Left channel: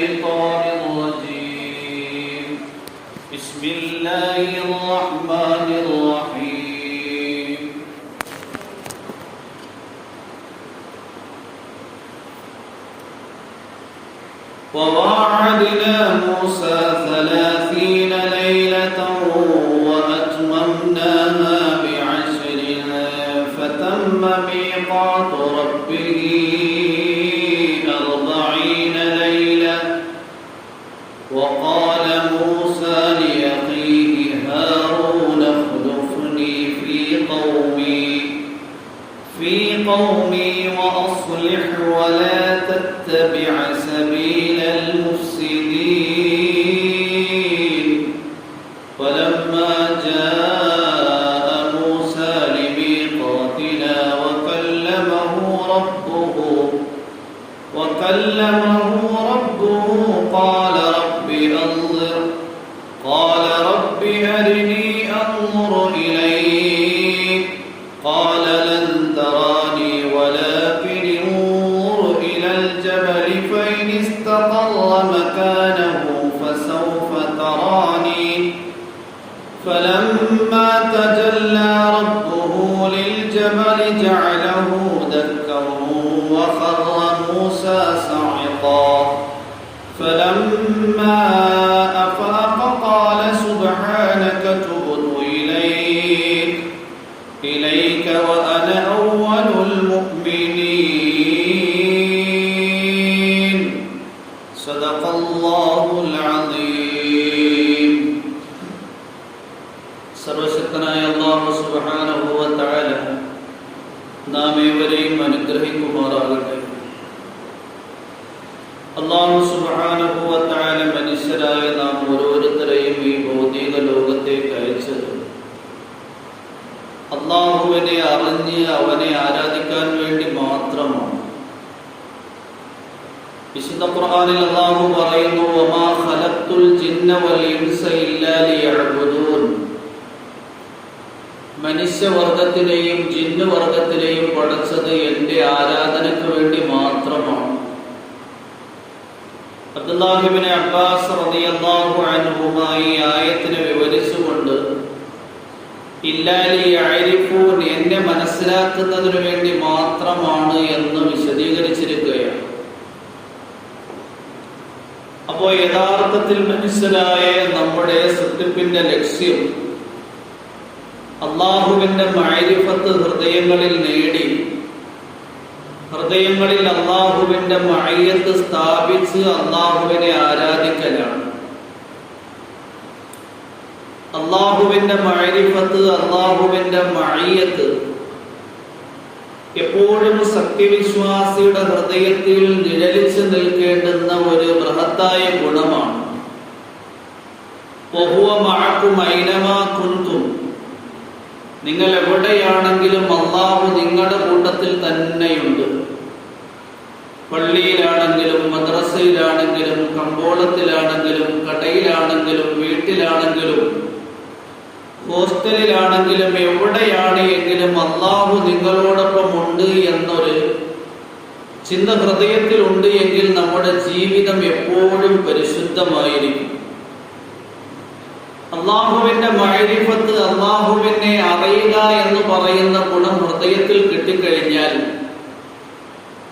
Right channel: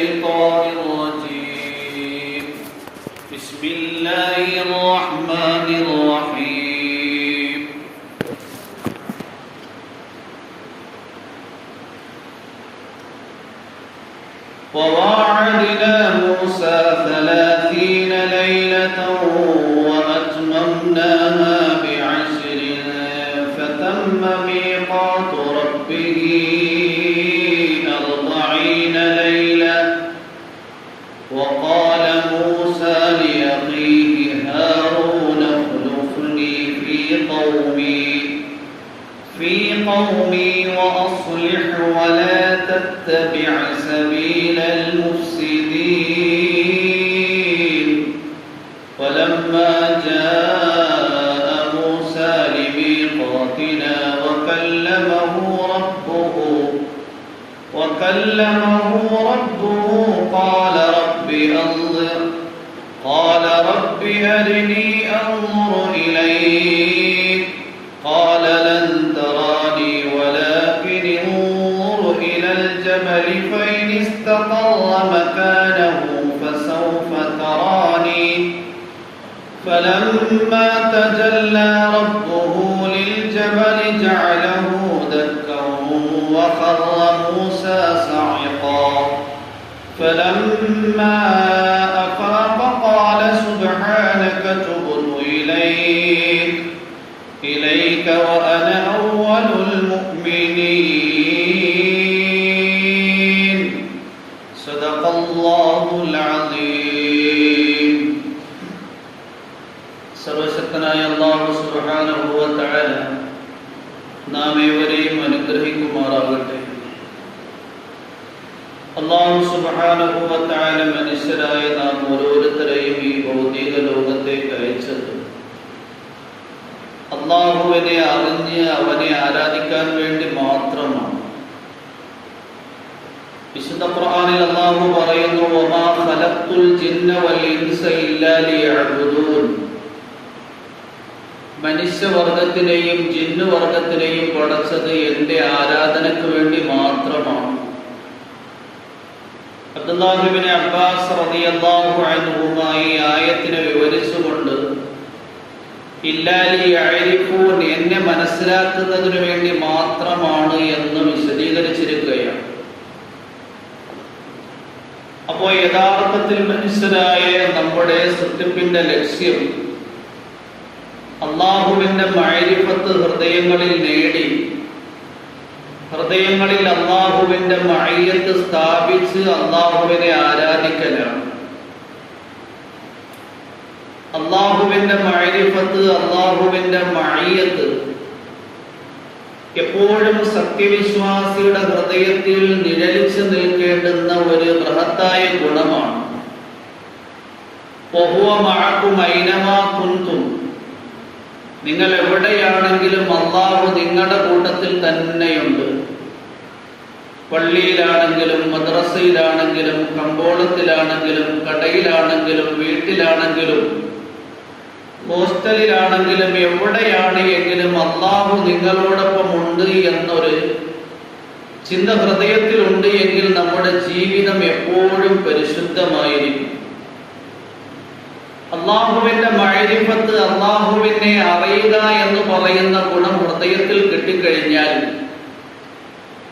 الشيطان الرجيم بسم الله الرحمن الرحيم وواعدنا موسى 30 ليلة وأتممناها ب10 فتم ميقات ربه 40 ليلة وقال موسى لأخيه هارون اخلفني في قومي وأصلح ولا تتبع سبيل المفسدين ولما جاء موسى لميقاتنا وكلمه ربه قال رب أرني أنظر إليك قال لن تراني ولكن انظر إلى الجبل فإن استقر مكانه فسوف تراني فلما تجلى ربه للجبل جعله دكا وخر موسى صعقا فلما أفاق قال سبحانك تبت إليك وأنا أول المؤمنين صدق الله العظيم. സർവശക്തനായ അല്ലാഹു സുബ്ഹാനഹു വ തആല നാം ഏവരെയും അനുഗ്രഹിക്കുമാറാകട്ടെ. അല്ലാഹു സുബ്ഹാനഹു വ തആല മനുഷ്യരായ നാം ഓരോരുത്തരെയും ഈ ഭൗതിക ലോകത്തേക്ക് അയച്ചത് അല്ലാഹുവിനെ അറിഞ്ഞ് അവനെ ആരാധിക്കാൻ വേണ്ടി മാത്രമാണ്. വിശുദ്ധ ഖുർആനിൽ അല്ലാഹു പറയുന്നു, വമാ ഖലഖ്തുൽ ജിന്ന വൽ ഇൻസ ഇല്ലാ ലിയഅ്ബുദൂൻ. മനുഷ്യവർഗത്തിനെയും ജിന്നുവർഗത്തിനെയും പടച്ചത് എന്റെ ആരാധനയ്ക്ക് വേണ്ടി മാത്രമാണ്. അബ്ദുല്ലാഹി ഇബ്നു അബ്ബാസ് റളിയല്ലാഹു അൻഹുമാ ഈ ആയത്തിനെ വിവരിച്ചുകൊണ്ട് ഇല്ലാ ലിയഅരിഫൂൻ, എന്നെ മനസ്സിലാക്കുന്നതിന് വേണ്ടി മാത്രമാണ് എന്ന് വിശദീകരിച്ചിരിക്കുകയാണ്. അപ്പോൾ യഥാർത്ഥത്തിൽ മനുഷ്യരായ നമ്മുടെ സൃഷ്ടിപ്പിന്റെ ലക്ഷ്യം അല്ലാഹുവിന്റെ മഅരിഫത്ത് ഹൃദയങ്ങളിൽ നേടി ഹൃദയങ്ങളിൽ അല്ലാഹുവിന്റെ മഅയ്യത്ത് സ്ഥാപിച്ച് അല്ലാഹുവിനെ ആരാധിക്കലാണ്. അല്ലാഹുവിന്റെ മഅരിഫത്ത്, അല്ലാഹുവിന്റെ മഅയ്യത്ത് എപ്പോഴും സത്യവിശ്വാസിയുടെ ഹൃദയത്തിൽ നിഴലിച്ചു നിൽക്കേണ്ടുന്ന ഒരു ബൃഹത്തായ ഗുണമാണ്. വഹുവ മഅകും ഐനമാ കുൻതും, നിങ്ങൾ എവിടെയാണെങ്കിലും അല്ലാഹു നിങ്ങളുടെ കൂട്ടത്തിൽ തന്നെയുണ്ട്. പള്ളിയിലാണെങ്കിലും മദ്രസയിലാണെങ്കിലും കമ്പോളത്തിലാണെങ്കിലും കടയിലാണെങ്കിലും വീട്ടിലാണെങ്കിലും ഹോസ്റ്റലിലാണെങ്കിലും എവിടെയാണ് എങ്കിലും അല്ലാഹു നിങ്ങളോടൊപ്പം ഉണ്ട് എന്നൊരു ചിന്ത ഹൃദയത്തിലുണ്ട് എങ്കിൽ നമ്മുടെ ജീവിതം എപ്പോഴും പരിശുദ്ധമായിരിക്കും. അല്ലാഹുവിന്റെ മഅരിഫത്ത്, അല്ലാഹുവിനെ അറിയുക എന്ന് പറയുന്ന ഗുണം ഹൃദയത്തിൽ കിട്ടിക്കഴിഞ്ഞാൽ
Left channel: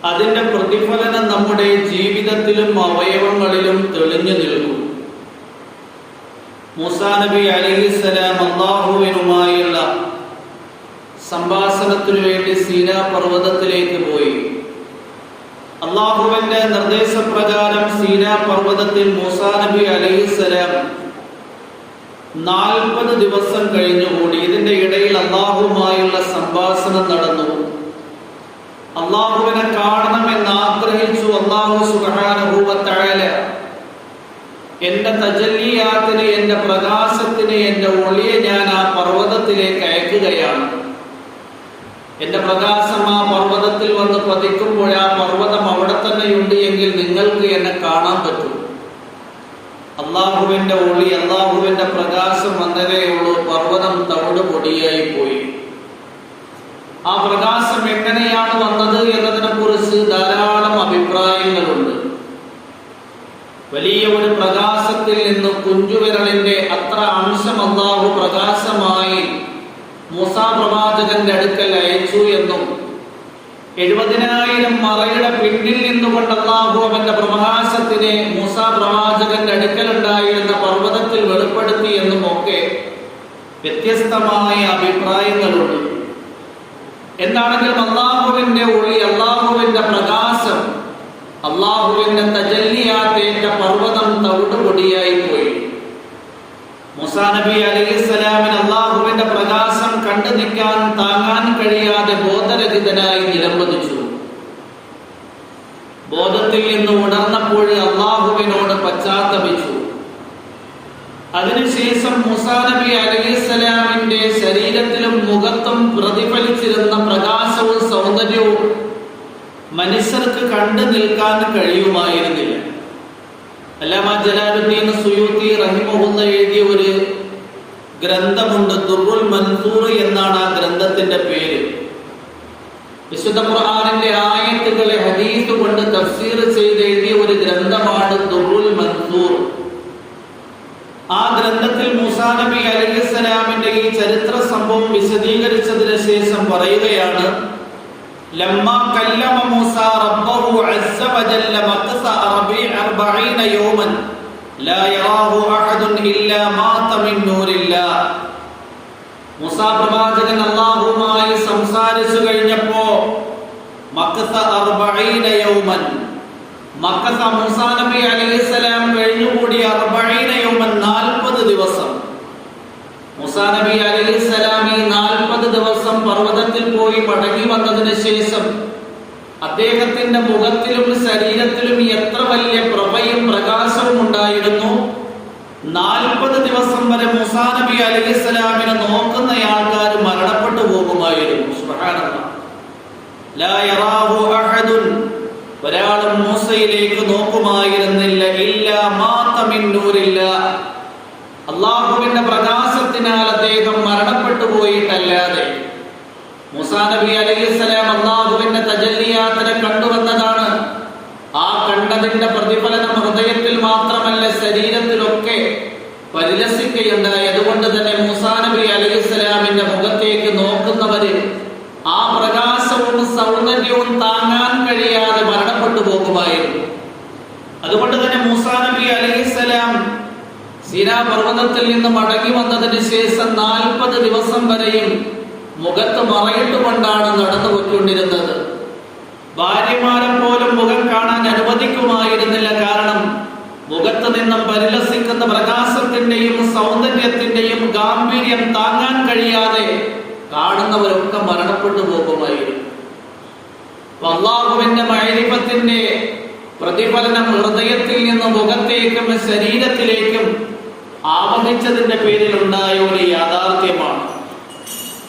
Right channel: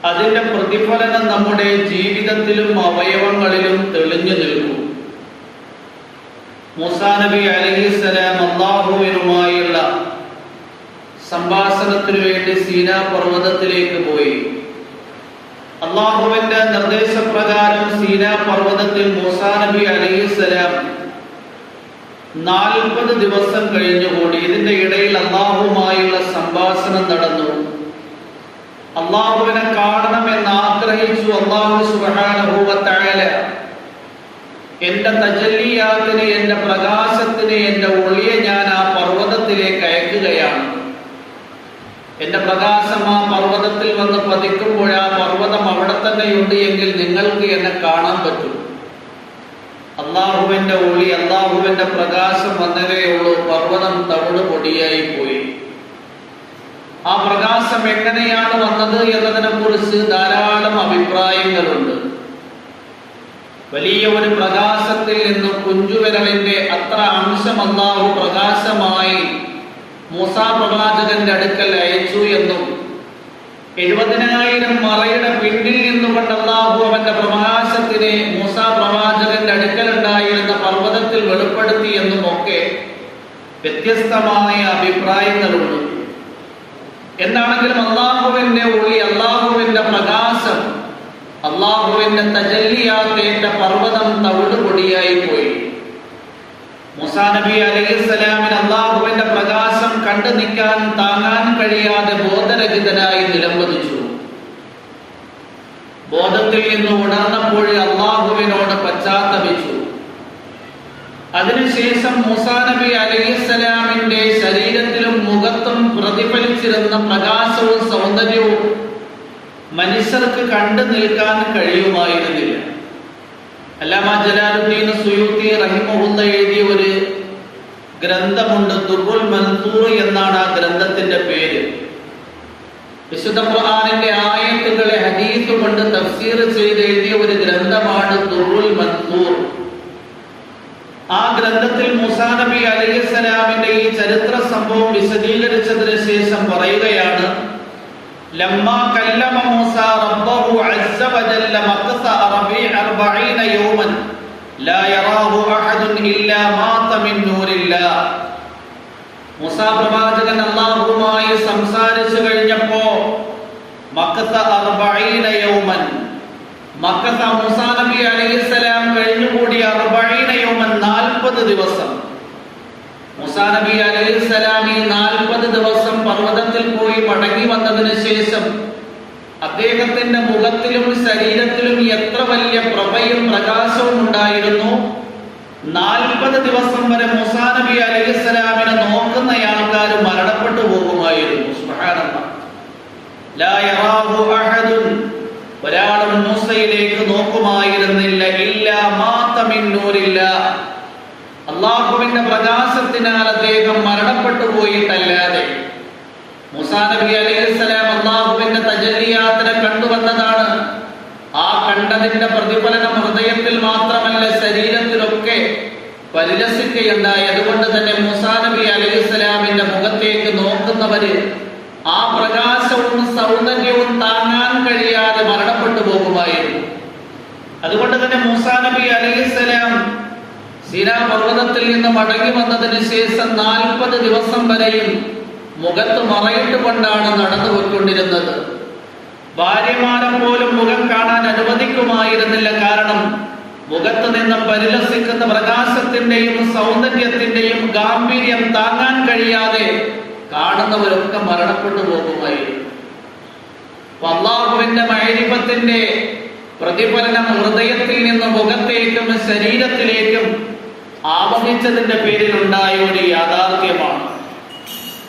അതിന്റെ പ്രതിഫലനം നമ്മുടെ ജീവിതത്തിലും അവയവങ്ങളിലും തെളിഞ്ഞു നിൽക്കും. മൂസാ നബി അലൈഹിസ്സലാം അല്ലാഹുവിനുമായുള്ള സംഭാഷണത്തിനു വേണ്ടി സീനാ പർവ്വതത്തിലേക്ക് പോയി. അല്ലാഹുവിന്റെ നിർദ്ദേശപ്രകാരം സീനാ പർവ്വതത്തിൽ മൂസാ നബി അലൈഹിസ്സലാം 40 ദിവസം കഴിഞ്ഞുകൂടി. ഇതിന്റെ ഇടയിൽ അല്ലാഹുവുമായുള്ള സംഭാഷണം നടന്നു. അല്ലാഹുവിനെ കാണണമെന്ന് ആഗ്രഹിച്ചു. അല്ലാഹു സുബ്ഹാനഹു വ തആല എന്റെ തജല്ലിയാത്തിനെ, എന്റെ പ്രകാശത്തിനെ, എന്റെ ഒളിയെ ഞാൻ ആ പർവ്വതത്തിലേക്ക് അയക്കുകയാണ്. എന്റെ പ്രകാശം ആ പർവ്വതത്തിൽ വന്ന് പതിക്കുമ്പോൾ ആ പർവ്വതം അവിടെ തന്നെയുണ്ട് എങ്കിൽ നിങ്ങൾക്ക് എന്നെ കാണാൻ പറ്റും. അല്ലാഹുവിന്റെ ഒളി, അല്ലാഹുവിന്റെ പ്രകാശം വന്നതേയുള്ളൂ. പർവ്വതം തവിട് പൊടിയായി പോയി. ആ പ്രകാശം എങ്ങനെയാണ് വന്നത് എന്നതിനെ കുറിച്ച് ധാരാളം അഭിപ്രായങ്ങളുണ്ട്. വലിയ ഒരു പ്രകാശത്തിൽ നിന്ന് കുഞ്ചുവിരലിന്റെ അത്ര അംശം അല്ലാഹു പ്രകാശമായി മൂസാ പ്രവാചകന്റെ അടുക്കൽ അയച്ചു എന്നും 70,000 മറയുടെ പിന്നിൽ നിന്നുകൊണ്ട് അല്ലാഹു അവന്റെ പ്രകാശത്തിനെ മൂസാ പ്രവാചകന്റെ അടുക്കലുണ്ടായിരുന്ന പർവ്വതത്തിൽ വെളിപ്പെടുത്തി എന്നും ഒക്കെ വ്യത്യസ്തമായ അഭിപ്രായങ്ങളുണ്ട്. എന്താണെങ്കിലും അല്ലാഹുവിന്റെ ഒളി, അല്ലാഹുവിന്റെ പ്രകാശം, അല്ലാഹുവിന്റെ തജല്ലിയാത്തേറ്റ പർവ്വതം തവിടുപൊടിയായി പോയി. മൂസാ നബി അലൈഹിസ്സലാമിന് അല്ലാഹുവിന്റെ പ്രകാശം കണ്ടു നിൽക്കാൻ, താങ്ങാൻ കഴിയാതെ ബോധരഹിതനായി നിലംപതിച്ചു. ബോധത്തിൽ നിന്ന് ഉണർന്നപ്പോൾ അല്ലാഹുവിനോട് പശ്ചാത്തപിച്ചു. അതിനുശേഷം മൂസാ നബി അലൈഹിസ്സലാമിന്റെ ശരീരത്തിലും മുഖത്തും പ്രതിഫലിച്ചിരുന്ന പ്രകാശവും സൗന്ദര്യവും മനുഷ്യർക്ക് കണ്ടു നിൽക്കാൻ കഴിയുമായിരുന്നില്ല. അല്ലാമ ജലാലുദ്ദീൻ സുയൂത്തി റഹിമഹുല്ല എഴുതിയ ഒരു ഗ്രന്ഥമുണ്ട്, ദുർറുൽ മൻസൂർ എന്നാണ് ആ ഗ്രന്ഥത്തിന്റെ പേര്. വിശുദ്ധ ഖുർആനിന്റെ ആയത്തുകളെ ഹദീസ് കൊണ്ട് തഫ്സീർ ചെയ്ത് എഴുതിയ ഒരു ഗ്രന്ഥമാണ് ദുർറുൽ മൻസൂർ. ആ ഗ്രന്ഥത്തിൽ മൂസാ നബി അലൈഹിസ്സലാമിന്റെ ഈ ചരിത്ര സംഭവം വിശദീകരിച്ചതിന് ശേഷം പറയുകയാണ്, ലമ്മ കല്ലമ മൂസാ റബ്ബഹു അസ്സ വജല്ല മഖസ 40 യൗമൻ ലാ യറാഹു അഹദുൻ ഇല്ലാ മാത മിൻ നൂരില്ലാഹ്. മൂസാ പ്രവാചകൻ അല്ലാഹുവുമായി സംസാരിച്ചു കഴിഞ്ഞപ്പോ മഖസ 40 യൗമൻ, മഖസ മൂസാ നബി അലൈഹിസ്സലാം കഴിഞ്ഞുകൂടി 40 യൗമൻ 40 ദിവസം. മൂസാ നബി അലൈഹിസ്സലാം ഈ 40 ദിവസം പർവ്വതത്തിൽ പോയി മടങ്ങി വന്നതിന് ശേഷം അദ്ദേഹത്തിന്റെ മുഖത്തിലും ശരീരത്തിലും എത്ര വലിയ പ്രഭയും പ്രകാശവും ഉണ്ടായിരുന്നു. 40 ദിവസം വരെ മൂസാ നബി അലൈഹിസ്സലാമിനെ നോക്കുന്ന ആൾക്കാർ മരണപ്പെട്ടു പോകുമായിരുന്നു. സുബ്ഹാനല്ലാഹ്. ലാ യറാഹു അഹദുൻ, ഒരാളും മൂസയിലേക്ക് നോക്കുമായിരുന്നില്ല. ഇല്ലാ മാത മിൻ നൂരില്ലാഹ്, അല്ലാഹുവിന്റെ പ്രകാശത്തിനാൽ അദ്ദേഹം മരണപ്പെട്ടു പോയിട്ടല്ലാതെ. മൂസാ നബി അലൈഹിസ്സലാം അല്ലാഹുവിന്റെ തജല്ലിയാത്തിനെ കണ്ടുവന്നതാണ്. ആ കണ്ടതിന്റെ പ്രതിഫലനം ഹൃദയത്തിൽ മാത്രമല്ല ശരീരത്തിലൊക്കെ പരിലസിക്കുകയുണ്ടായി. അതുകൊണ്ട് തന്നെ മൂസാ നബി അലൈഹിസ്സലാമിന്റെ മുഖത്തേക്ക് നോക്കുന്നവര് ആ പ്രകാശവും സൗന്ദര്യവും താങ്ങാൻ കഴിയാതെ മരണപ്പെട്ടു പോകുമായിരുന്നു. അതുകൊണ്ട് തന്നെ മൂസാ നബി അലൈഹിസ്സലാം സീനാ പർവ്വതത്തിൽ നിന്ന് മടങ്ങി വന്നതിന് ശേഷം 40 ദിവസം വരെയും മുഖത്ത് മറയിട്ടുകൊണ്ടാണ് നടന്നു പോയിക്കൊണ്ടിരുന്നത്. ഭാര്യമാരെ പോലും മുഖം കാണാൻ അനുവദിക്കുമായിരുന്നില്ല. കാരണം മുഖത്ത് നിന്നും പരിലസിക്കുന്ന പ്രകാശത്തിന്റെയും സൗന്ദര്യത്തിന്റെയും ഗാംഭീര്യം താങ്ങാൻ കഴിയാതെ കാണുന്നവരൊക്കെ മരണപ്പെട്ടു പോകുമായിരുന്നു. അല്ലാഹുവിന്റെ മഅരിഫത്തിന്റെ പ്രതിഫലനം ഹൃദയത്തിൽ നിന്ന് മുഖത്തേക്കും ശരീരത്തിലേക്കും ആവഹിച്ചതിന്റെ പേരിൽ ഉണ്ടായ ഒരു യാഥാർത്ഥ്യമാണ്.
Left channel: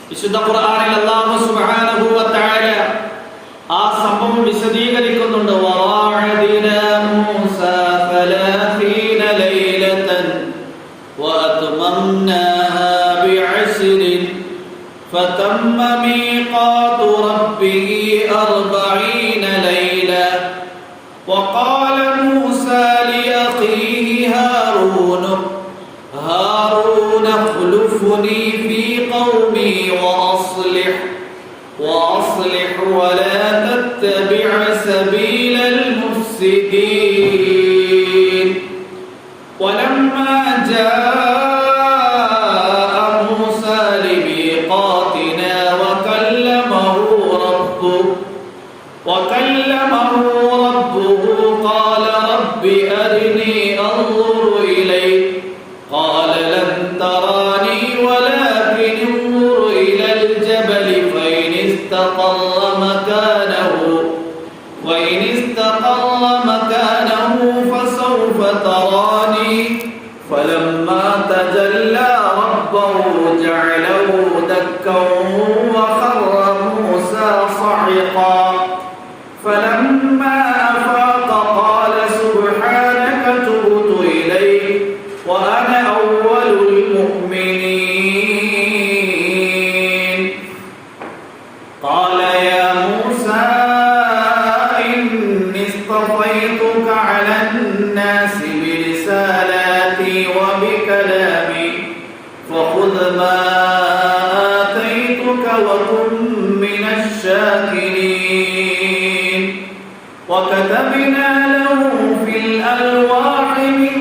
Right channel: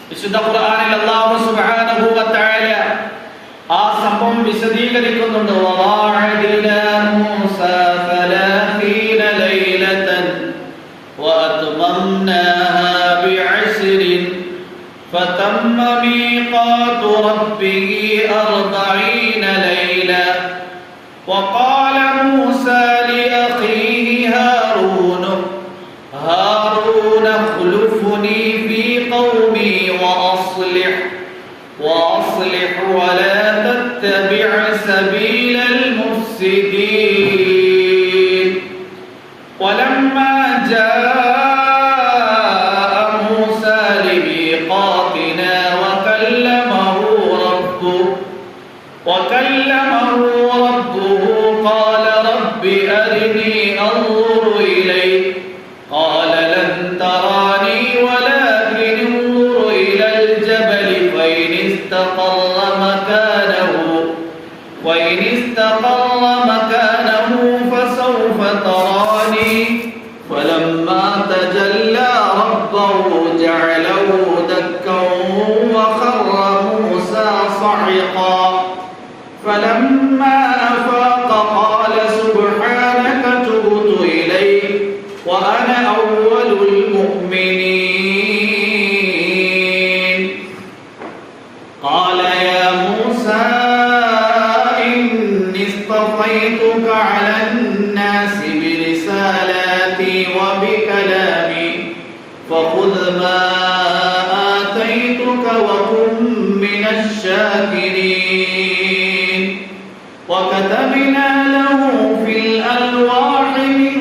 വിശുദ്ധ ഖുർആനിൽ അല്ലാഹു സുബ്ഹാനഹു വ തആല ആ സംഭവം വിശദീകരിക്കുന്നുണ്ട്. വഅദിനാ മൂസാ 30 ലൈലതൻ വഅത്മംനാഹാ ബിഅശ്രിൻ ഫതമ്മ മീഖാതു റബ്ബിഹി 40 ലൈല വഖാല മൂസാ ലിഅഖീഹി ഹാറൂൻ اخلفني في قومي وأصلح ولا تتبع سبيل المفسدين. ولما جاء موسى لميقاتنا وكلمه ربه قال رب أرني أنظر إليك قال لن تراني ولكن انظر إلى الجبل فإن استقر مكانه فسوف تراني فلما تجلى ربه جعله دكا وخر موسى صعقا فلما أفاق قال سبحانك تبت إليك وأنا أول المؤمنين. قال يا موسى إني اصطفيتك على الناس وبكلامي فخذ ما آتيتك وكن من الشاكرين وكتبنا له في الألواح من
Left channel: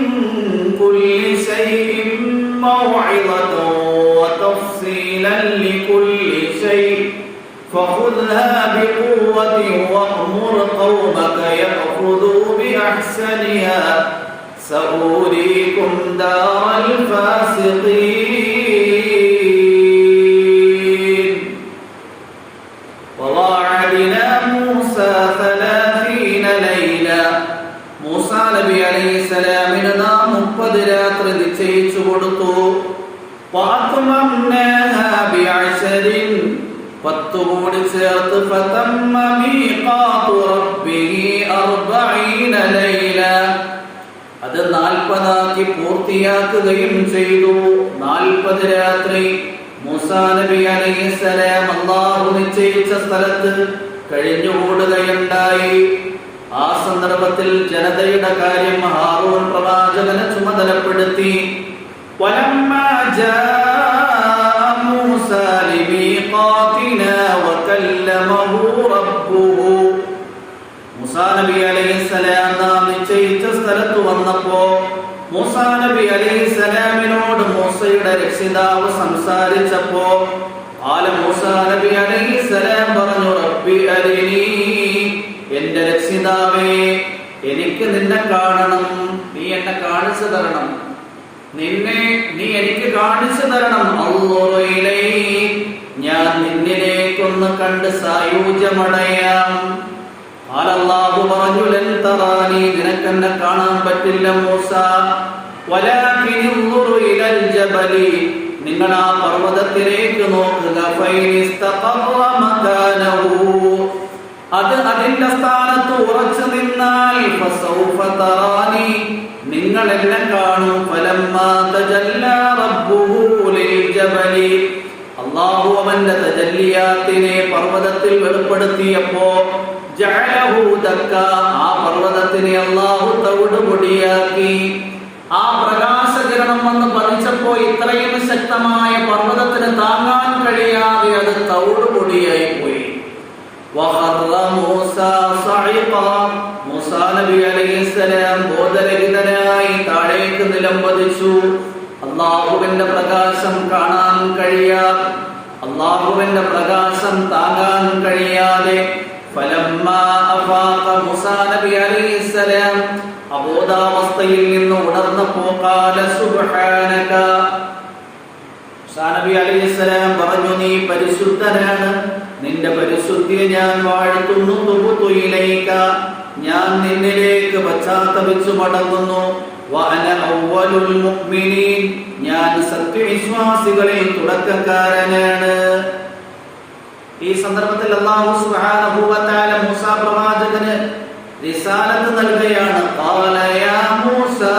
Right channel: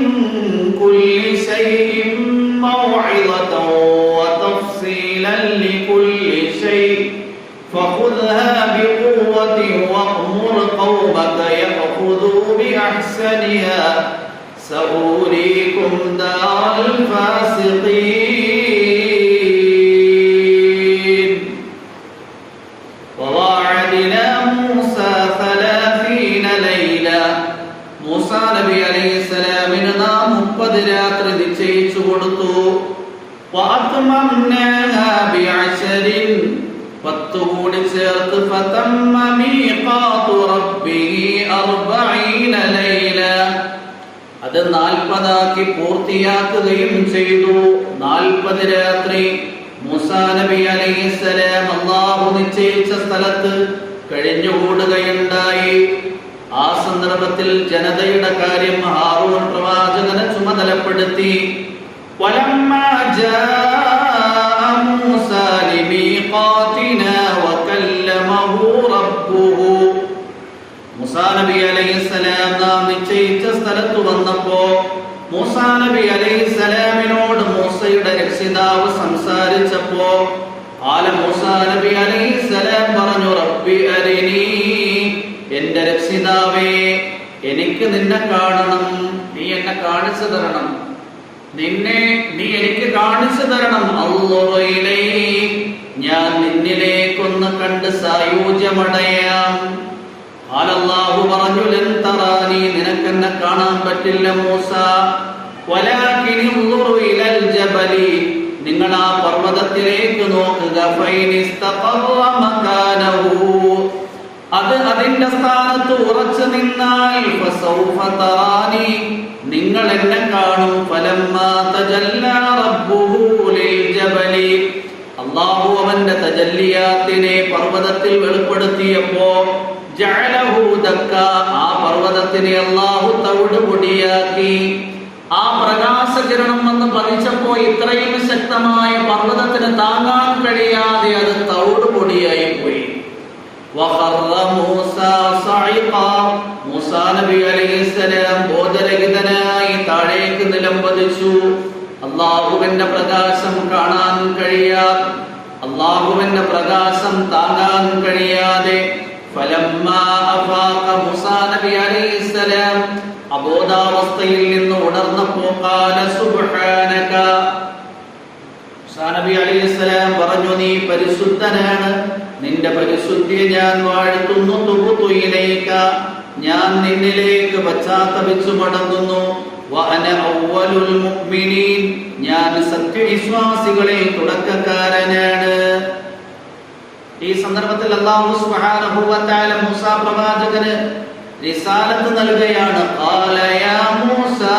كل شيء موعظة وتفصيلا لكل شيء فخذها بقوة وأمر قومك يأخذوا بأحسنها سأريكم دار الفاسقين وواعدنا موسى 30 ليلة മൂസാ നബി അലൈഹിസ്സലാമിന് നാം 30 രാത്രി നിശ്ചയിച്ചു കൊടുത്തു. വഅത്മംനാഹാ ബിഅശരിൻ 10 കൂടി ചേർത്ത് ഫതമ്മ മീഖാതു റബ്ബിഹി 40 ലൈല അത് 40 ആക്കി പൂർത്തിയാക്കുകയും ചെയ്തു. 40 രാത്രി മൂസാ നബി അലൈഹിസ്സലാം അല്ലാഹു നിശ്ചയിച്ച സ്ഥലത്ത് കഴിഞ്ഞുകൂടുകയുണ്ടായി. ആ സന്ദർഭത്തിൽ ജനതയുടെ കാര്യം ഹാറൂൻ പ്രവാചകനെ ചുമതലപ്പെടുത്തി. വലമ്മാ ജാഅ മൂസാ ലിമീഖാതിനാ വകല്ലമഹു റബ്ബുഹു മൂസാ നബി അലൈഹിസ്സലാം നാം നിശ്ചയിച്ച സ്ഥലത്ത് വന്നപ്പോ മൂസാ നബി അലൈഹിസ്സലാമിനോട് മൂസയുടെ രക്ഷിതാവ് സംസാരിച്ചപ്പോ മൂസാ നബി അലൈഹിസ്സലാം പറഞ്ഞു, റബ്ബി അരിനി, എന്റെ രക്ഷിതാവേ, എനിക്ക് നിന്നെ കാണണം, നീ എന്നെ കാണിച്ചു തരണം, നീ എനിക്ക് കാണിച്ചു തരണം. അല്ലാഹുവിലൈ, ഞാൻ നിന്നിലേക്കൊന്ന് കണ്ട് സായൂജ്യമടയാം. അല്ലാഹു പറഞ്ഞു, ലൻ തറാനി, നിനക്കെന്നെ കാണാൻ പറ്റില്ല മൂസ. വലാകിൻ ഉൻദുർ ഇലൽ ജബലി, നിങ്ങൾ ആ പർവ്വതത്തിലേക്ക് നോക്കുക. ഫൈനിസ്തഖറ മകാനഹു, അത് അതിന്റെ സ്ഥാനത്ത് ഉറച്ചു നിന്നാൽ ഫസൗഫ തറാനി, നിങ്ങൾ എന്നെ കാണും. ഫലമ്മാ തജല്ലാ റബ്ബുഹു ലിൽ ജബലി, അല്ലാഹു അവന്റെ തജല്ലിയാത്തിനെ പർവ്വതത്തിൽ വെളിപ്പെടുത്തിയപ്പോ ജഅലഹു ദക്ക, ആ പർവ്വതത്തിനെ അല്ലാഹു തവിട് പൊടിയാക്കി. ആ പ്രകാശകിരണം വന്ന് പതിച്ചപ്പോ ഇത്രയും ശക്തമായ പർവ്വതത്തിന് താങ്ങാൻ കഴിയാതെ അത് തവിട് പൊടിയായി പോയി. വഖറ മൂസാ സഇഖാ, മൂസാ നബി അലൈഹിസ്സലാം ബോധരഹിതനായി താഴേക്ക് നിലംപതിച്ചു. അല്ലാഹുവിന്റെ പ്രകാശം കാണാൻ കഴിയാതെ, അല്ലാഹുവിന്റെ പ്രകാശം താങ്ങാൻ കഴിയാതെ ഫലമ്മാ അഫാഖ, മൂസാ നബി അലൈഹിസ്സലാം അബോധാവസ്ഥയിൽ നിന്ന് ഉണർന്നപ്പോൾ ഖാല സുബ്ഹാനക, മൂസാ നബി അലൈഹിസ്സലാം പറഞ്ഞു, നീ പരിശുദ്ധനാണ്, നിന്റെ പരിശുദ്ധിയെ ഞാൻ വാഴ്ത്തുന്നു. തുബ്തു ഇലൈക, ഞാൻ നിന്നിലേക്ക് പശ്ചാത്തപിച്ചു മടങ്ങുന്നു. വഅന അവ്വലുൽ മുഅ്മിനീൻ, ഞാൻ സത്യവിശ്വാസികളിൽ തുടക്കക്കാരനാണ്. ഈ സന്ദർഭത്തിൽ അല്ലാഹു സുബ്ഹാനഹു വ തആല മൂസാ പ്രവാചകന് റിസാലത്ത് നൽകുകയാണ്. ഖാല യാ മൂസാ,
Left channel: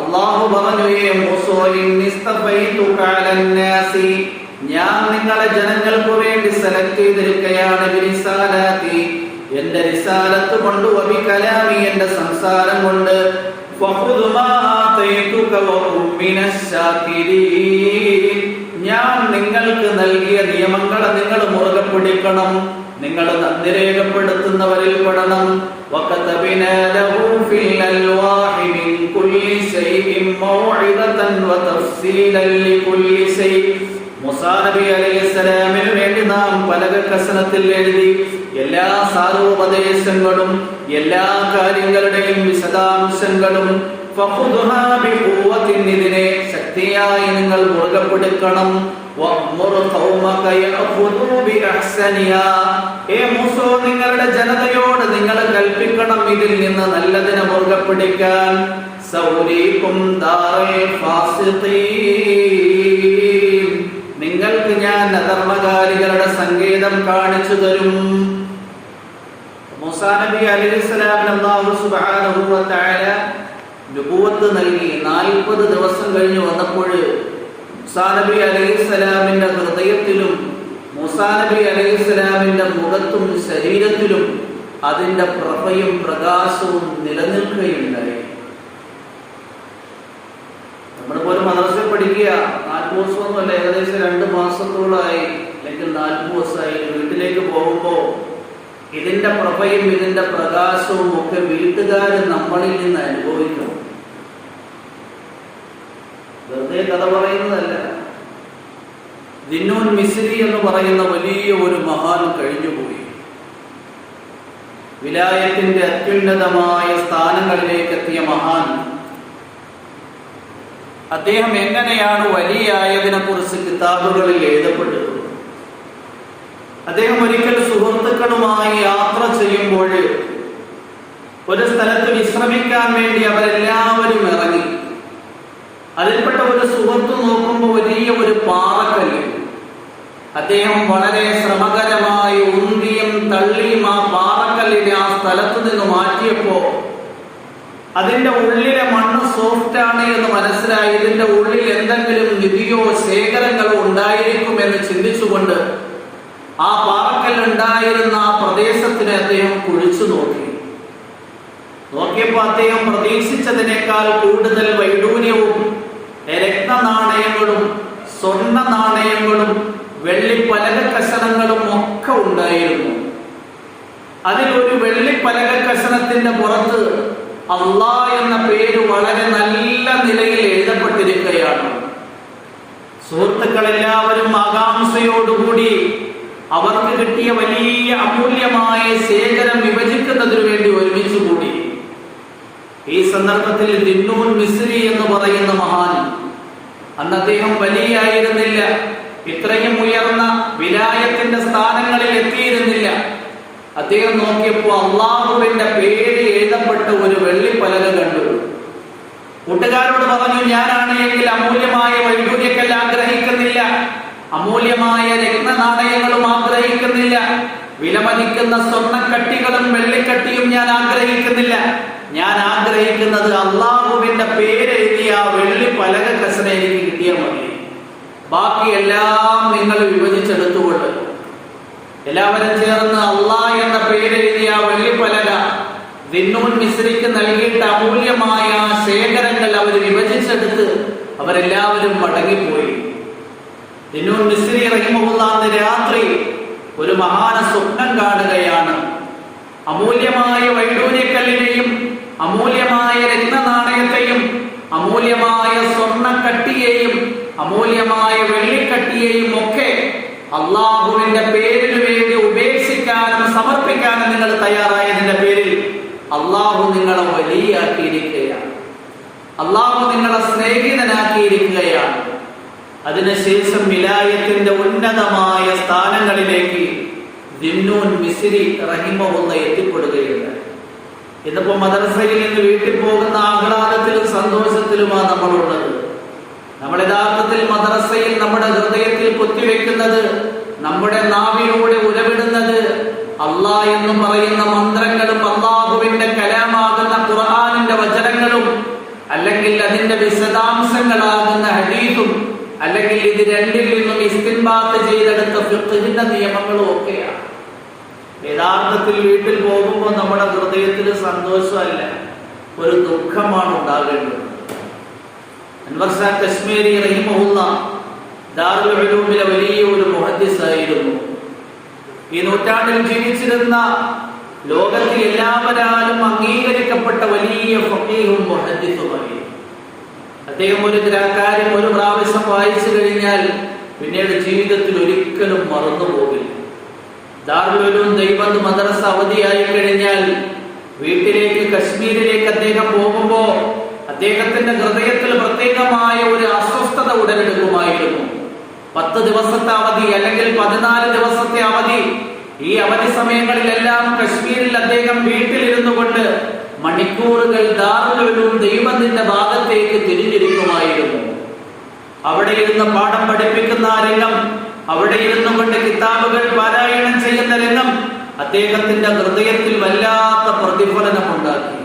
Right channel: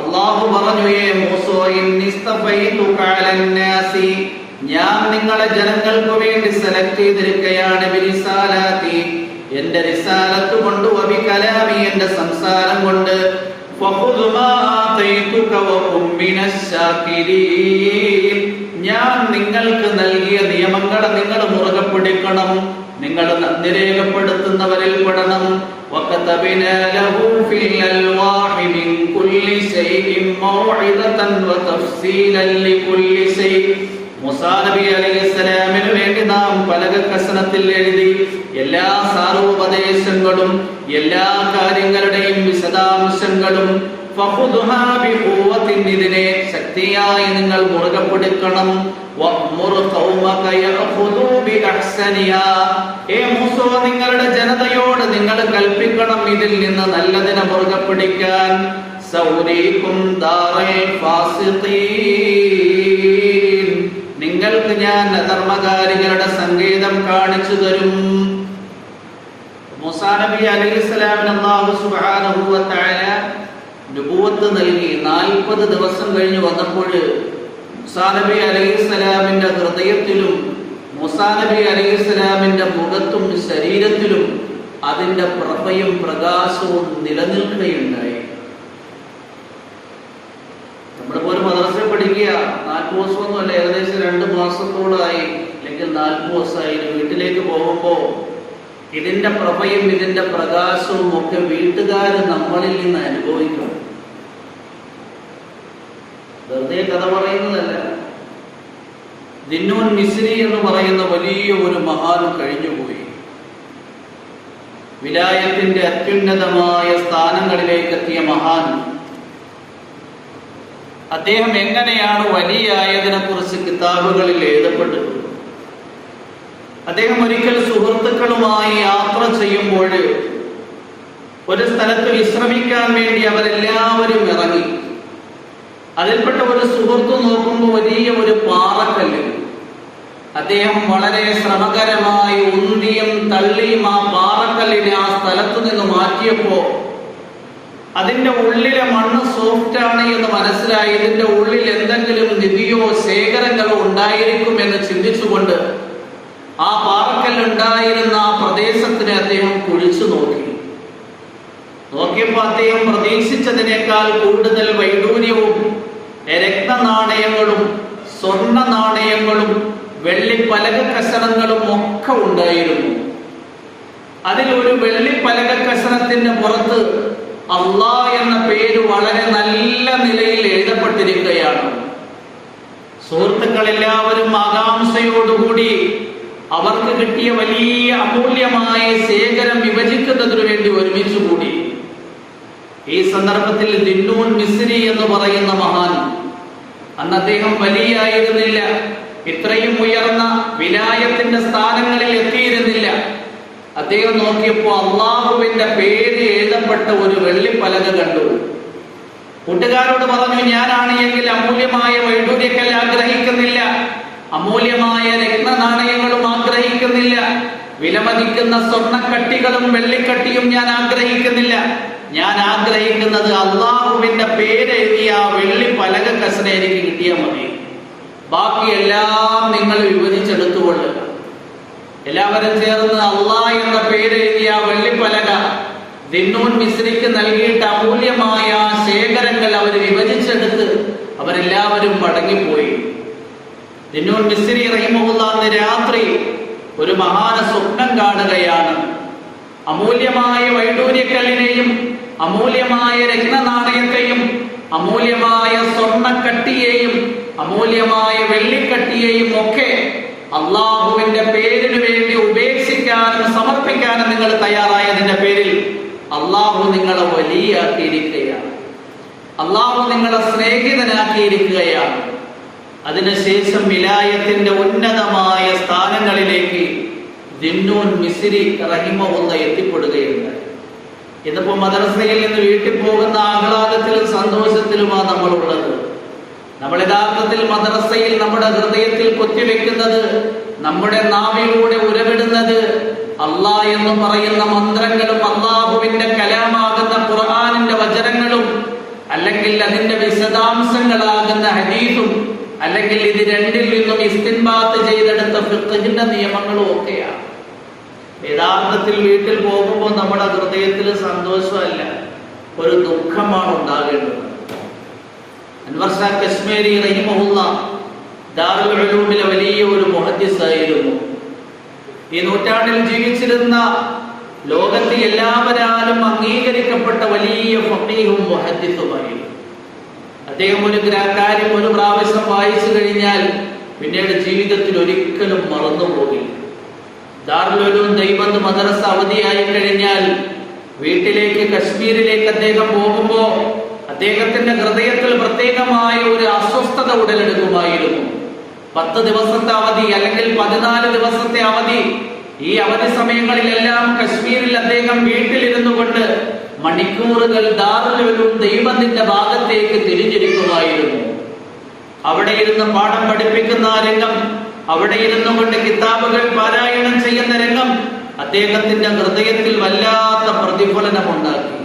അല്ലാഹു പറഞ്ഞു, യേ മൂസാ, ഇന്നിസ്തഫൈതുക അലന്നാസി, ഞാൻ നിങ്ങളെ ജനങ്ങൾക്ക് വേണ്ടി സെലക്ട് ചെയ്തിരിക്കുകയാണ്. ബിരിസാലത്തി, എന്റെ റിസാലത്ത് കൊണ്ട്, വബി കലാമി, എന്റെ സംസാരം കൊണ്ട്. ഫഖുദ് മാ ആതൈതുക വകും മിനശ് ശാകിരീൻ, ഞാൻ നിങ്ങൾക്ക് നൽകിയ നിയമങ്ങളെ നിങ്ങൾ മുറുകെ പിടിക്കണം, നിങ്ങൾ നന്ദി രേഖപ്പെടുത്തുന്നവരിൽ പെടണം. വകതബിനാ ലഹു ഫിൽ അൽവാഹി മിൻ കുല്ലി ശൈഇൻ മൗഇദതൻ വതഫ്സീലൻ ലികുല്ലി ശൈ, മൂസാ നബി അലൈഹിസ്സലാമിന് വേണ്ടി നാം പലകക്കസനത്തിൽ എഴുതി എല്ലാ സാരോപദേശങ്ങളും എല്ലാ കാര്യങ്ങളുടെയും വിശദാംശങ്ങളും. ഫഖുദ്ഹാ ബിഖുവത്തിൻ, ഇതിനെ ശക്തിയായി നിങ്ങൾ മുറുകെ പിടിക്കണം. വഅ്മുർ ഖൗമക യഅഖുദു ബിഅഹ്സനിഹാ, ഏ മൂസാ, നിങ്ങളുടെ ജനതയോട് നിങ്ങൾ കൽപ്പിക്കണം ഇതിൽ നിന്ന് നല്ലതിനെ മുറുകെ പിടിക്കാൻ. സൗരീകും ദാറൽ ഫാസിഖീൻ, നിങ്ങൾക്ക് ഞാൻ അധർമ്മകാരികളുടെ സങ്കേതം കാണിച്ചു തരും. മൂസാ നബി അലൈഹിസ്സലാമിന് അല്ലാഹു സുബ്ഹാനഹു വ തആല നുബുവത്ത് നൽകി. 40 ദിവസം കഴിഞ്ഞു വന്നപ്പോൾ മൂസാ നബി അലൈഹിസ്സലാമിന്റെ ഹൃദയത്തിലും മൂസാ നബി അലൈഹിസ്സലാമിന്റെ മുഖത്തും ശരീരത്തിലും അതിന്റെ പ്രഭയും പ്രകാശവും നിലനിൽക്കുകയുണ്ടായി. മാസത്തോളമായി അല്ലെങ്കിൽ 40 ദിവസമായി വീട്ടിലേക്ക് പോകുമ്പോൾ ഇതിന്റെ പ്രഭയും ഇതിന്റെ പ്രകാശവും ഒക്കെ വീട്ടുകാർ നമ്മളിൽ നിന്ന് അനുഭവിക്കണം. വെറുതെ കഥ പറയുന്നതല്ല. ദിന്നൂൻ മിസ്രി എന്ന് പറയുന്ന വലിയ ഒരു മഹാൻ കഴിഞ്ഞുപോയി. വിലായത്തിന്റെ അത്യുന്നതമായ സ്ഥാനങ്ങളിലേക്ക് എത്തിയ മഹാൻ. അദ്ദേഹം എങ്ങനെയാണ് വലിയായതിനെ കുറിച്ച് കിതാബുകളിൽ എഴുതപ്പെട്ടത്. അദ്ദേഹം ഒരിക്കൽ സുഹൃത്തുക്കളുമായി യാത്ര ചെയ്യുമ്പോൾ ഒരു സ്ഥലത്ത് വിശ്രമിക്കാൻ വേണ്ടി അവരെല്ലാവരും ഇറങ്ങി. അതിൽപ്പെട്ട ഒരു സുഹൃത്ത് നോക്കുമ്പോൾ വലിയ ഒരു പാറക്കല്ല്. അദ്ദേഹം വളരെ ശ്രമകരമായി ഉന്തിയും തള്ളിയും ആ പാറക്കല്ലിനെ ആ സ്ഥലത്ത് നിന്ന് മാറ്റിയപ്പോ അതിന്റെ ഉള്ളിലെ മണ്ണ് സോഫ്റ്റാണ് എന്ന് മനസ്സിലായി. ഇതിന്റെ ഉള്ളിൽ എന്തെങ്കിലും നിധിയോ ശേഖരങ്ങളോ ഉണ്ടായിരിക്കുമെന്ന് ചിന്തിച്ചുകൊണ്ട് ആ പാറക്കല്ലുണ്ടായിരുന്ന ആ പ്രദേശത്തിനെ അദ്ദേഹം കുഴിച്ചു നോക്കിയപ്പോൾ അദ്ദേഹം പ്രതീക്ഷിച്ചതിനേക്കാൾ കൂടുതൽ വൈഡൂര്യവും രക്തനാണയങ്ങളും സ്വർണ്ണ നാണയങ്ങളും വെള്ളിപ്പലക കഷണങ്ങളും ഒക്കെ ഉണ്ടായിരുന്നു. അതിലൊരു വെള്ളിപ്പലക കഷണത്തിന്റെ പുറത്ത് അല്ലാഹ് എന്ന പേര് വളരെ നല്ല നിലയിൽ എഴുതപ്പെട്ടിരിക്കുകയാണ്. സുഹൃത്തുക്കളെല്ലാവരും ആകാംക്ഷയോടുകൂടി അവർക്ക് കിട്ടിയ വലിയ അമൂല്യമായ ശേഖരം വിഭജിക്കുന്നതിനു വേണ്ടി ഒരുമിച്ചു കൂടി. ഈ സന്ദർഭത്തിൽ ദിന്നൂൻ മിസ്രി എന്ന് പറയുന്ന മഹാൻ, അന്ന് അദ്ദേഹം വലിയായിരുന്നില്ല, ഇത്രയും ഉയർന്ന വിലായത്തിന്റെ സ്ഥാനങ്ങളിൽ എത്തിയിരുന്നില്ല. അദ്ദേഹം നോക്കിയപ്പോൾ അള്ളാഹുവിന്റെ പേര് എഴുതപ്പെട്ട ഒരു വെള്ളിപ്പലക കണ്ടു. കൂട്ടുകാരോട് പറഞ്ഞു, ഞാനാണ് എങ്കിൽ അമൂല്യമായ വൈഡൂര്യക്കൽ ആഗ്രഹിക്കുന്നില്ല, അമൂല്യമായ രത്നനാണയങ്ങളും ആഗ്രഹിക്കുന്നില്ല, വിലമതിക്കുന്ന സ്വർണ്ണക്കട്ടികളും വെള്ളിക്കട്ടിയും ഞാൻ ആഗ്രഹിക്കുന്നില്ല. ഞാൻ ആഗ്രഹിക്കുന്നത് അള്ളാഹുവിന്റെ പേര് എഴുതിയ ആ വെള്ളിപ്പലക കസന എനിക്ക് കിട്ടിയാൽ മതി. ബാക്കിയെല്ലാം നിങ്ങൾ വിഭജിച്ചെടുത്തുകൊണ്ട് എല്ലാവരും ചേർന്ന് അള്ളാഹ് എന്ന പേര് എഴുതിയ വെള്ളിപ്പലക ദിന്നൂൻ മിസ്രിക്ക് നൽകിയിട്ട് അമൂല്യമായ ശേഖരങ്ങൾ അവർ വിഭജിച്ചെടുത്ത് അവരെല്ലാവരും മടങ്ങിപ്പോയി. ദിന്നൂൻ മിസ്രി റഹിമഹുല്ലാഹ് രാത്രി ഒരു മഹാന സ്വപ്നം കാണുകയാണ്. അമൂല്യമായ വൈഡൂര്യക്കല്ലിനെയും അമൂല്യമായ രത്നനാണയത്തെയും അമൂല്യമായ സ്വർണ്ണക്കട്ടിയെയും അമൂല്യമായ വെള്ളിക്കട്ടിയെയും ഒക്കെ അള്ളാഹുവിന്റെ പേരിന് വേണ്ടി ഉപേക്ഷിക്കാനും സമർപ്പിക്കാനും നിങ്ങൾ തയ്യാറായതിന്റെ പേരിൽ അള്ളാഹു നിങ്ങളെ വലിയാക്കിയിരിക്കുകയാണ്, അള്ളാഹു നിങ്ങളെ സ്നേഹിതനാക്കിയിരിക്കുകയാണ്. അതിനുശേഷം വിലായത്തിന്റെ ഉന്നതമായ സ്ഥാനങ്ങളിലേക്ക് ദിന്നൂൻ മിസ്രി റഹിമഹുല്ലാഹ് എത്തിപ്പെടുകയുണ്ടായി. ഇതിപ്പോ മദ്രസയിൽ നിന്ന് വീട്ടിൽ പോകുന്ന ആഹ്ലാദത്തിലും സന്തോഷത്തിലുമാണ് നമ്മളുള്ളത്. നമ്മൾ യഥാർത്ഥത്തിൽ മദ്രസയിൽ നമ്മുടെ ഹൃദയത്തിൽ കുത്തിവെക്കുന്നത്, നമ്മുടെ നാവിലൂടെ ഉരവിടുന്നത് അല്ലാഹ് എന്ന് പറയുന്ന മന്ത്രങ്ങളും അള്ളാഹുവിന്റെ കലാമാകുന്ന ഖുർആനിന്റെ വചനങ്ങളും അല്ലെങ്കിൽ അതിന്റെ വിശദാംശങ്ങളാകുന്ന ഹദീസും അല്ലെങ്കിൽ ഇത് രണ്ടിൽ നിന്നും ഇസ്തിൻബാത്ത് ചെയ്തെടുത്ത ഫിഖ്ഹിന്റെ നിയമങ്ങളും ഒക്കെയാണ്. യഥാർത്ഥത്തിൽ വീട്ടിൽ പോകുമ്പോൾ നമ്മുടെ ഹൃദയത്തിൽ സന്തോഷമല്ല, ഒരു ദുഃഖമാണ് ഉണ്ടാകേണ്ടത്. അൻവർ ഷാ കശ്മീരി റഹിമഹുല്ലാഹ് ദാറുൽ ഉലൂമിലെ വലിയ ഒരു മുഹദ്ദിസായിരുന്നു. ഈ നൂറ്റാണ്ടിൽ ജീവിച്ചിരുന്ന ലോകത്തിൽ എല്ലാവരാലും അംഗീകരിക്കപ്പെട്ട വലിയ ഫഖീഹും മുഹദ്ദിസുമായിരുന്നു. അദ്ദേഹം ഒരു കാര്യം ഒരു പ്രാവശ്യം വായിച്ചു കഴിഞ്ഞാൽ പിന്നീട് ജീവിതത്തിൽ ഒരിക്കലും മറന്നു പോകില്ല. ദാറുൽ ഉലൂം ദൈവത്ത് മദ്രസ അവധിയായി കഴിഞ്ഞാൽ വീട്ടിലേക്ക് കശ്മീരിലേക്ക് അദ്ദേഹം പോകുമ്പോ അദ്ദേഹത്തിന്റെ ഹൃദയത്തിൽ പ്രത്യേകമായ ഒരു അസ്വസ്ഥത ഉടലെടുക്കുമായിരുന്നു. 10 ദിവസത്തെ അവധി അല്ലെങ്കിൽ 14 ദിവസത്തെ അവധി, ഈ അവധി സമയങ്ങളിലെല്ലാം കശ്മീരിൽ അദ്ദേഹം വീട്ടിലിരുന്നു കൊണ്ട് മണിക്കൂറുകൾ ദാറുൽ ഉലൂം ദൈവത്തിന്റെ ഭാഗത്തേക്ക് തിരിഞ്ഞിരിക്കുമായിരുന്നു. അവിടെ ഇരുന്ന് പാഠം പഠിപ്പിക്കുന്ന രംഗം, അവിടെ ഇരുന്നു കൊണ്ട് കിതാബുകൾ പാരായണം ചെയ്യുന്ന രംഗം അദ്ദേഹത്തിന്റെ ഹൃദയത്തിൽ വല്ലാത്ത പ്രതിഫലനമുണ്ടാക്കി.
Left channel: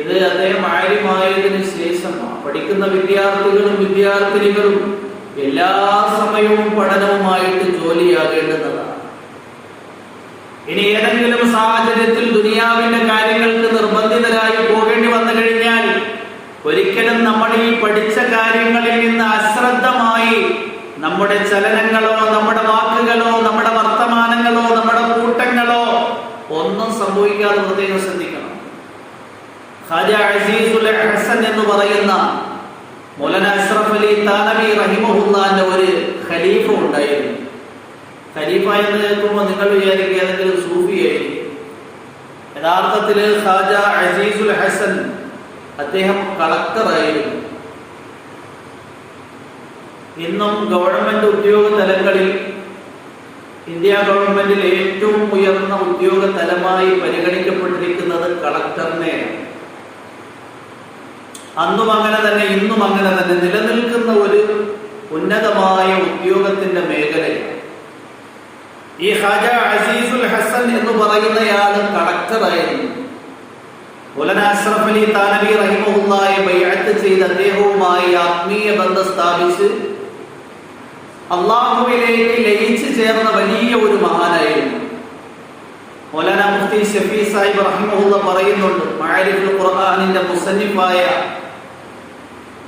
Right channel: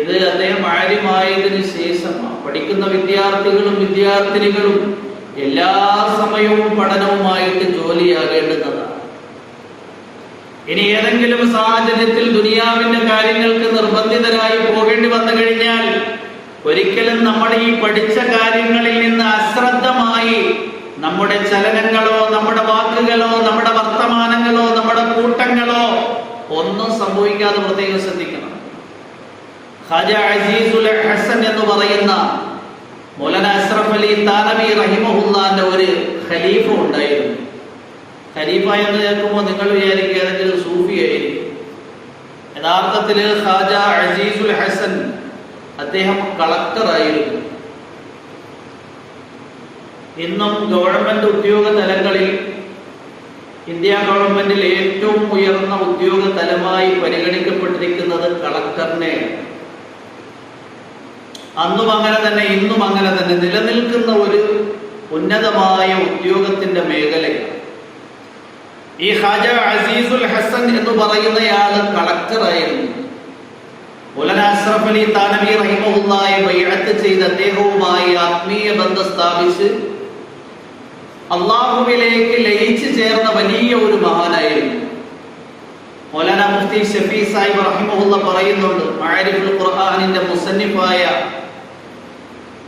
ഇത് അദ്ദേഹം ആര്യമായതിനു ശേഷമാണ്. പഠിക്കുന്ന വിദ്യാർത്ഥികളും വിദ്യാർത്ഥിനികളും എല്ലാ സമയവും പഠനവുമായിട്ട് ജോലിയാകേണ്ടതാണ്. ഇനി ഏതെങ്കിലും സാഹചര്യത്തിൽ ദുനിയാവിന്റെ കാര്യങ്ങൾക്ക് നിർബന്ധിതരായി പോകേണ്ടി വന്നു കഴിഞ്ഞാൽ ഒരിക്കലും നമ്മൾ ഈ പഠിച്ച കാര്യങ്ങളിൽ നിന്ന് അശ്രദ്ധ ഒന്നും സംഭവിക്കാതെ പ്രത്യേകം ശ്രദ്ധിക്കണം. ഖാജ അസീസുൽ ഹസൻ എന്ന് പറയുന്ന മൗലാന അഷ്റഫ് അലി താനവി റഹിമഹുല്ലാന്റെ ഒരു ഖലീഫ ഉണ്ടായിരുന്നു. ഖലീഫ എന്ന് കേൾക്കുമ്പോൾ നിങ്ങൾ വിചാരിക്കുക ഏതെങ്കിലും സൂഫിയായിരിക്കും. യഥാർത്ഥത്തിൽ ഖാജ അസീസുൽ ഹസൻ അദ്ദേഹം കളക്ടറായിരുന്നു. ഇന്നും ഗവൺമെന്റ് ഉദ്യോഗ തലങ്ങളിൽ ഇന്ത്യ ഗവൺമെന്റിൽ ഏറ്റവും ഉയർന്ന ഉദ്യോഗ തലമായി പരിഗണിക്കപ്പെട്ടിരിക്കുന്നത് കളക്ടറിനെയാണ്. അന്നും അങ്ങനെ തന്നെ ഇന്നും അങ്ങനെ തന്നെ നിലനിൽക്കുന്ന ഒരു ഉന്നതമായ ഉദ്യോഗത്തിന്റെ മേഖലയാണ്. ഈ ഖാജ അസീസുൽ ഹസൻ എന്ന് പറയുന്നയാൾ കളക്ടറായിരുന്നു. മൗലാന അഷ്റഫ് അലി താനവി റഹിമഹുല്ലാഹയെ ബൈഅത്ത് ചെയ്ത് അദ്ദേഹവുമായി ആത്മീയ ബന്ധം സ്ഥാപിച്ച് അള്ളാഹുവിലേക്ക് ലയിച്ചു ചേർന്ന വലിയ ഒരു മഹാനായിരുന്നു. മൗലാന മുഫ്തി ഷഫീ സാഹിബ് റഹിമഹുല്ലാ പറയുന്നുണ്ട്, മഅരിഫുൽ ഖുർആനിന്റെ മുസന്നിഫായ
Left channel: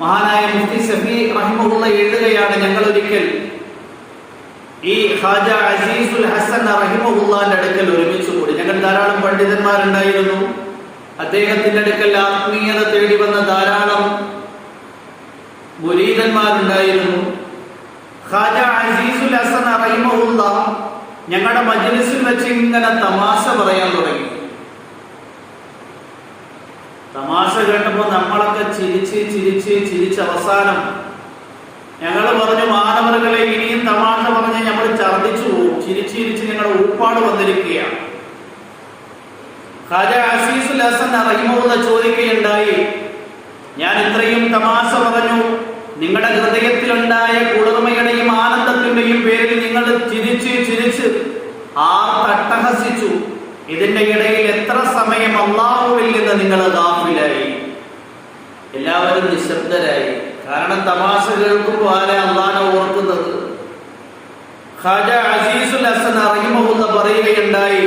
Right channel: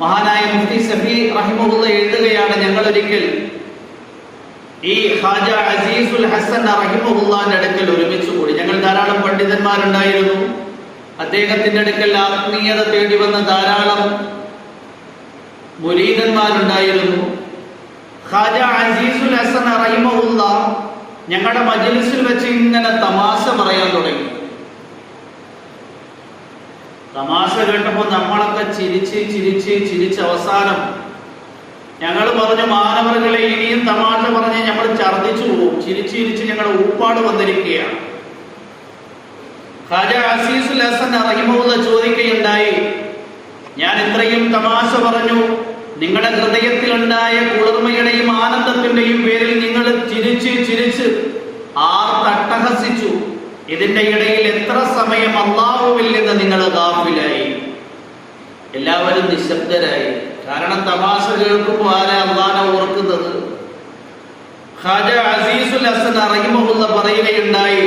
മഹാനായ മുഫ്തി ഷഫീ റഹിമഹുല്ലാ എഴുതുകയാണ്, ഞങ്ങൾ ഒരിക്കൽ ഈ ഖാജ അസീസുൽ ഹസൻ റഹിമഹുല്ലാന്റെ അടുക്കൽ ഒരുമിച്ച് കൂടി. ഞങ്ങൾ ധാരാളം പണ്ഡിതന്മാരുണ്ടായിരുന്നു. അദ്ദേഹത്തിന്റെ അടുക്കൽ ആത്മീയത തേടി വന്ന ധാരാളം മുരീദന്മാരുണ്ടായിരുന്നു. ഖാജ അസീസുൽ ഹസൻ റഹിമഹുല്ലാ ഞങ്ങളുടെ മജ്ലിസിൽ വെച്ച് ഇങ്ങനെ തമാശ പറയാൻ തുടങ്ങി. തമാശ കേട്ടപ്പോൾ നമ്മളൊക്കെ ചിരിച്ച് അവസാനം ഞങ്ങൾ പറഞ്ഞു, മാനവറുകളെ ഇനിയും തമാശ പറഞ്ഞ് ഞങ്ങൾ ഛർദ്ദിച്ചു പോകും. ചിരിച്ച് ഞങ്ങൾ ഊപ്പാട് വന്നിരിക്കുകയാണ്. ഖാജ അസീസുൽ ഹസൻ റഹിമഹുല്ലാ ചോദിക്കുകയുണ്ടായി, ഞാൻ ഇത്രയും തമാശ പറഞ്ഞു, നിങ്ങളുടെ ഹൃദയത്തിലുണ്ടായ കുളിർമയുടെയും ആനന്ദത്തിന്റെയും പേരിൽ നിങ്ങൾ ചിരിച്ച് അട്ടഹസിച്ചു. ഇതിന്റെ ഇടയിൽ എത്ര സമയം അല്ലാഹുവിൽ നിന്ന് നിങ്ങൾ ഗാഫിലായി? എല്ലാവരും നിശബ്ദരായി. കാരണം തമാശ കേൾക്കുമ്പോൾ ആരാ അല്ലാഹുവിനെ ഓർക്കുന്നത്? ഖാജ അസീസുൽ ഹസൻ റഹിമഹുല്ലാ പറയുകയുണ്ടായി,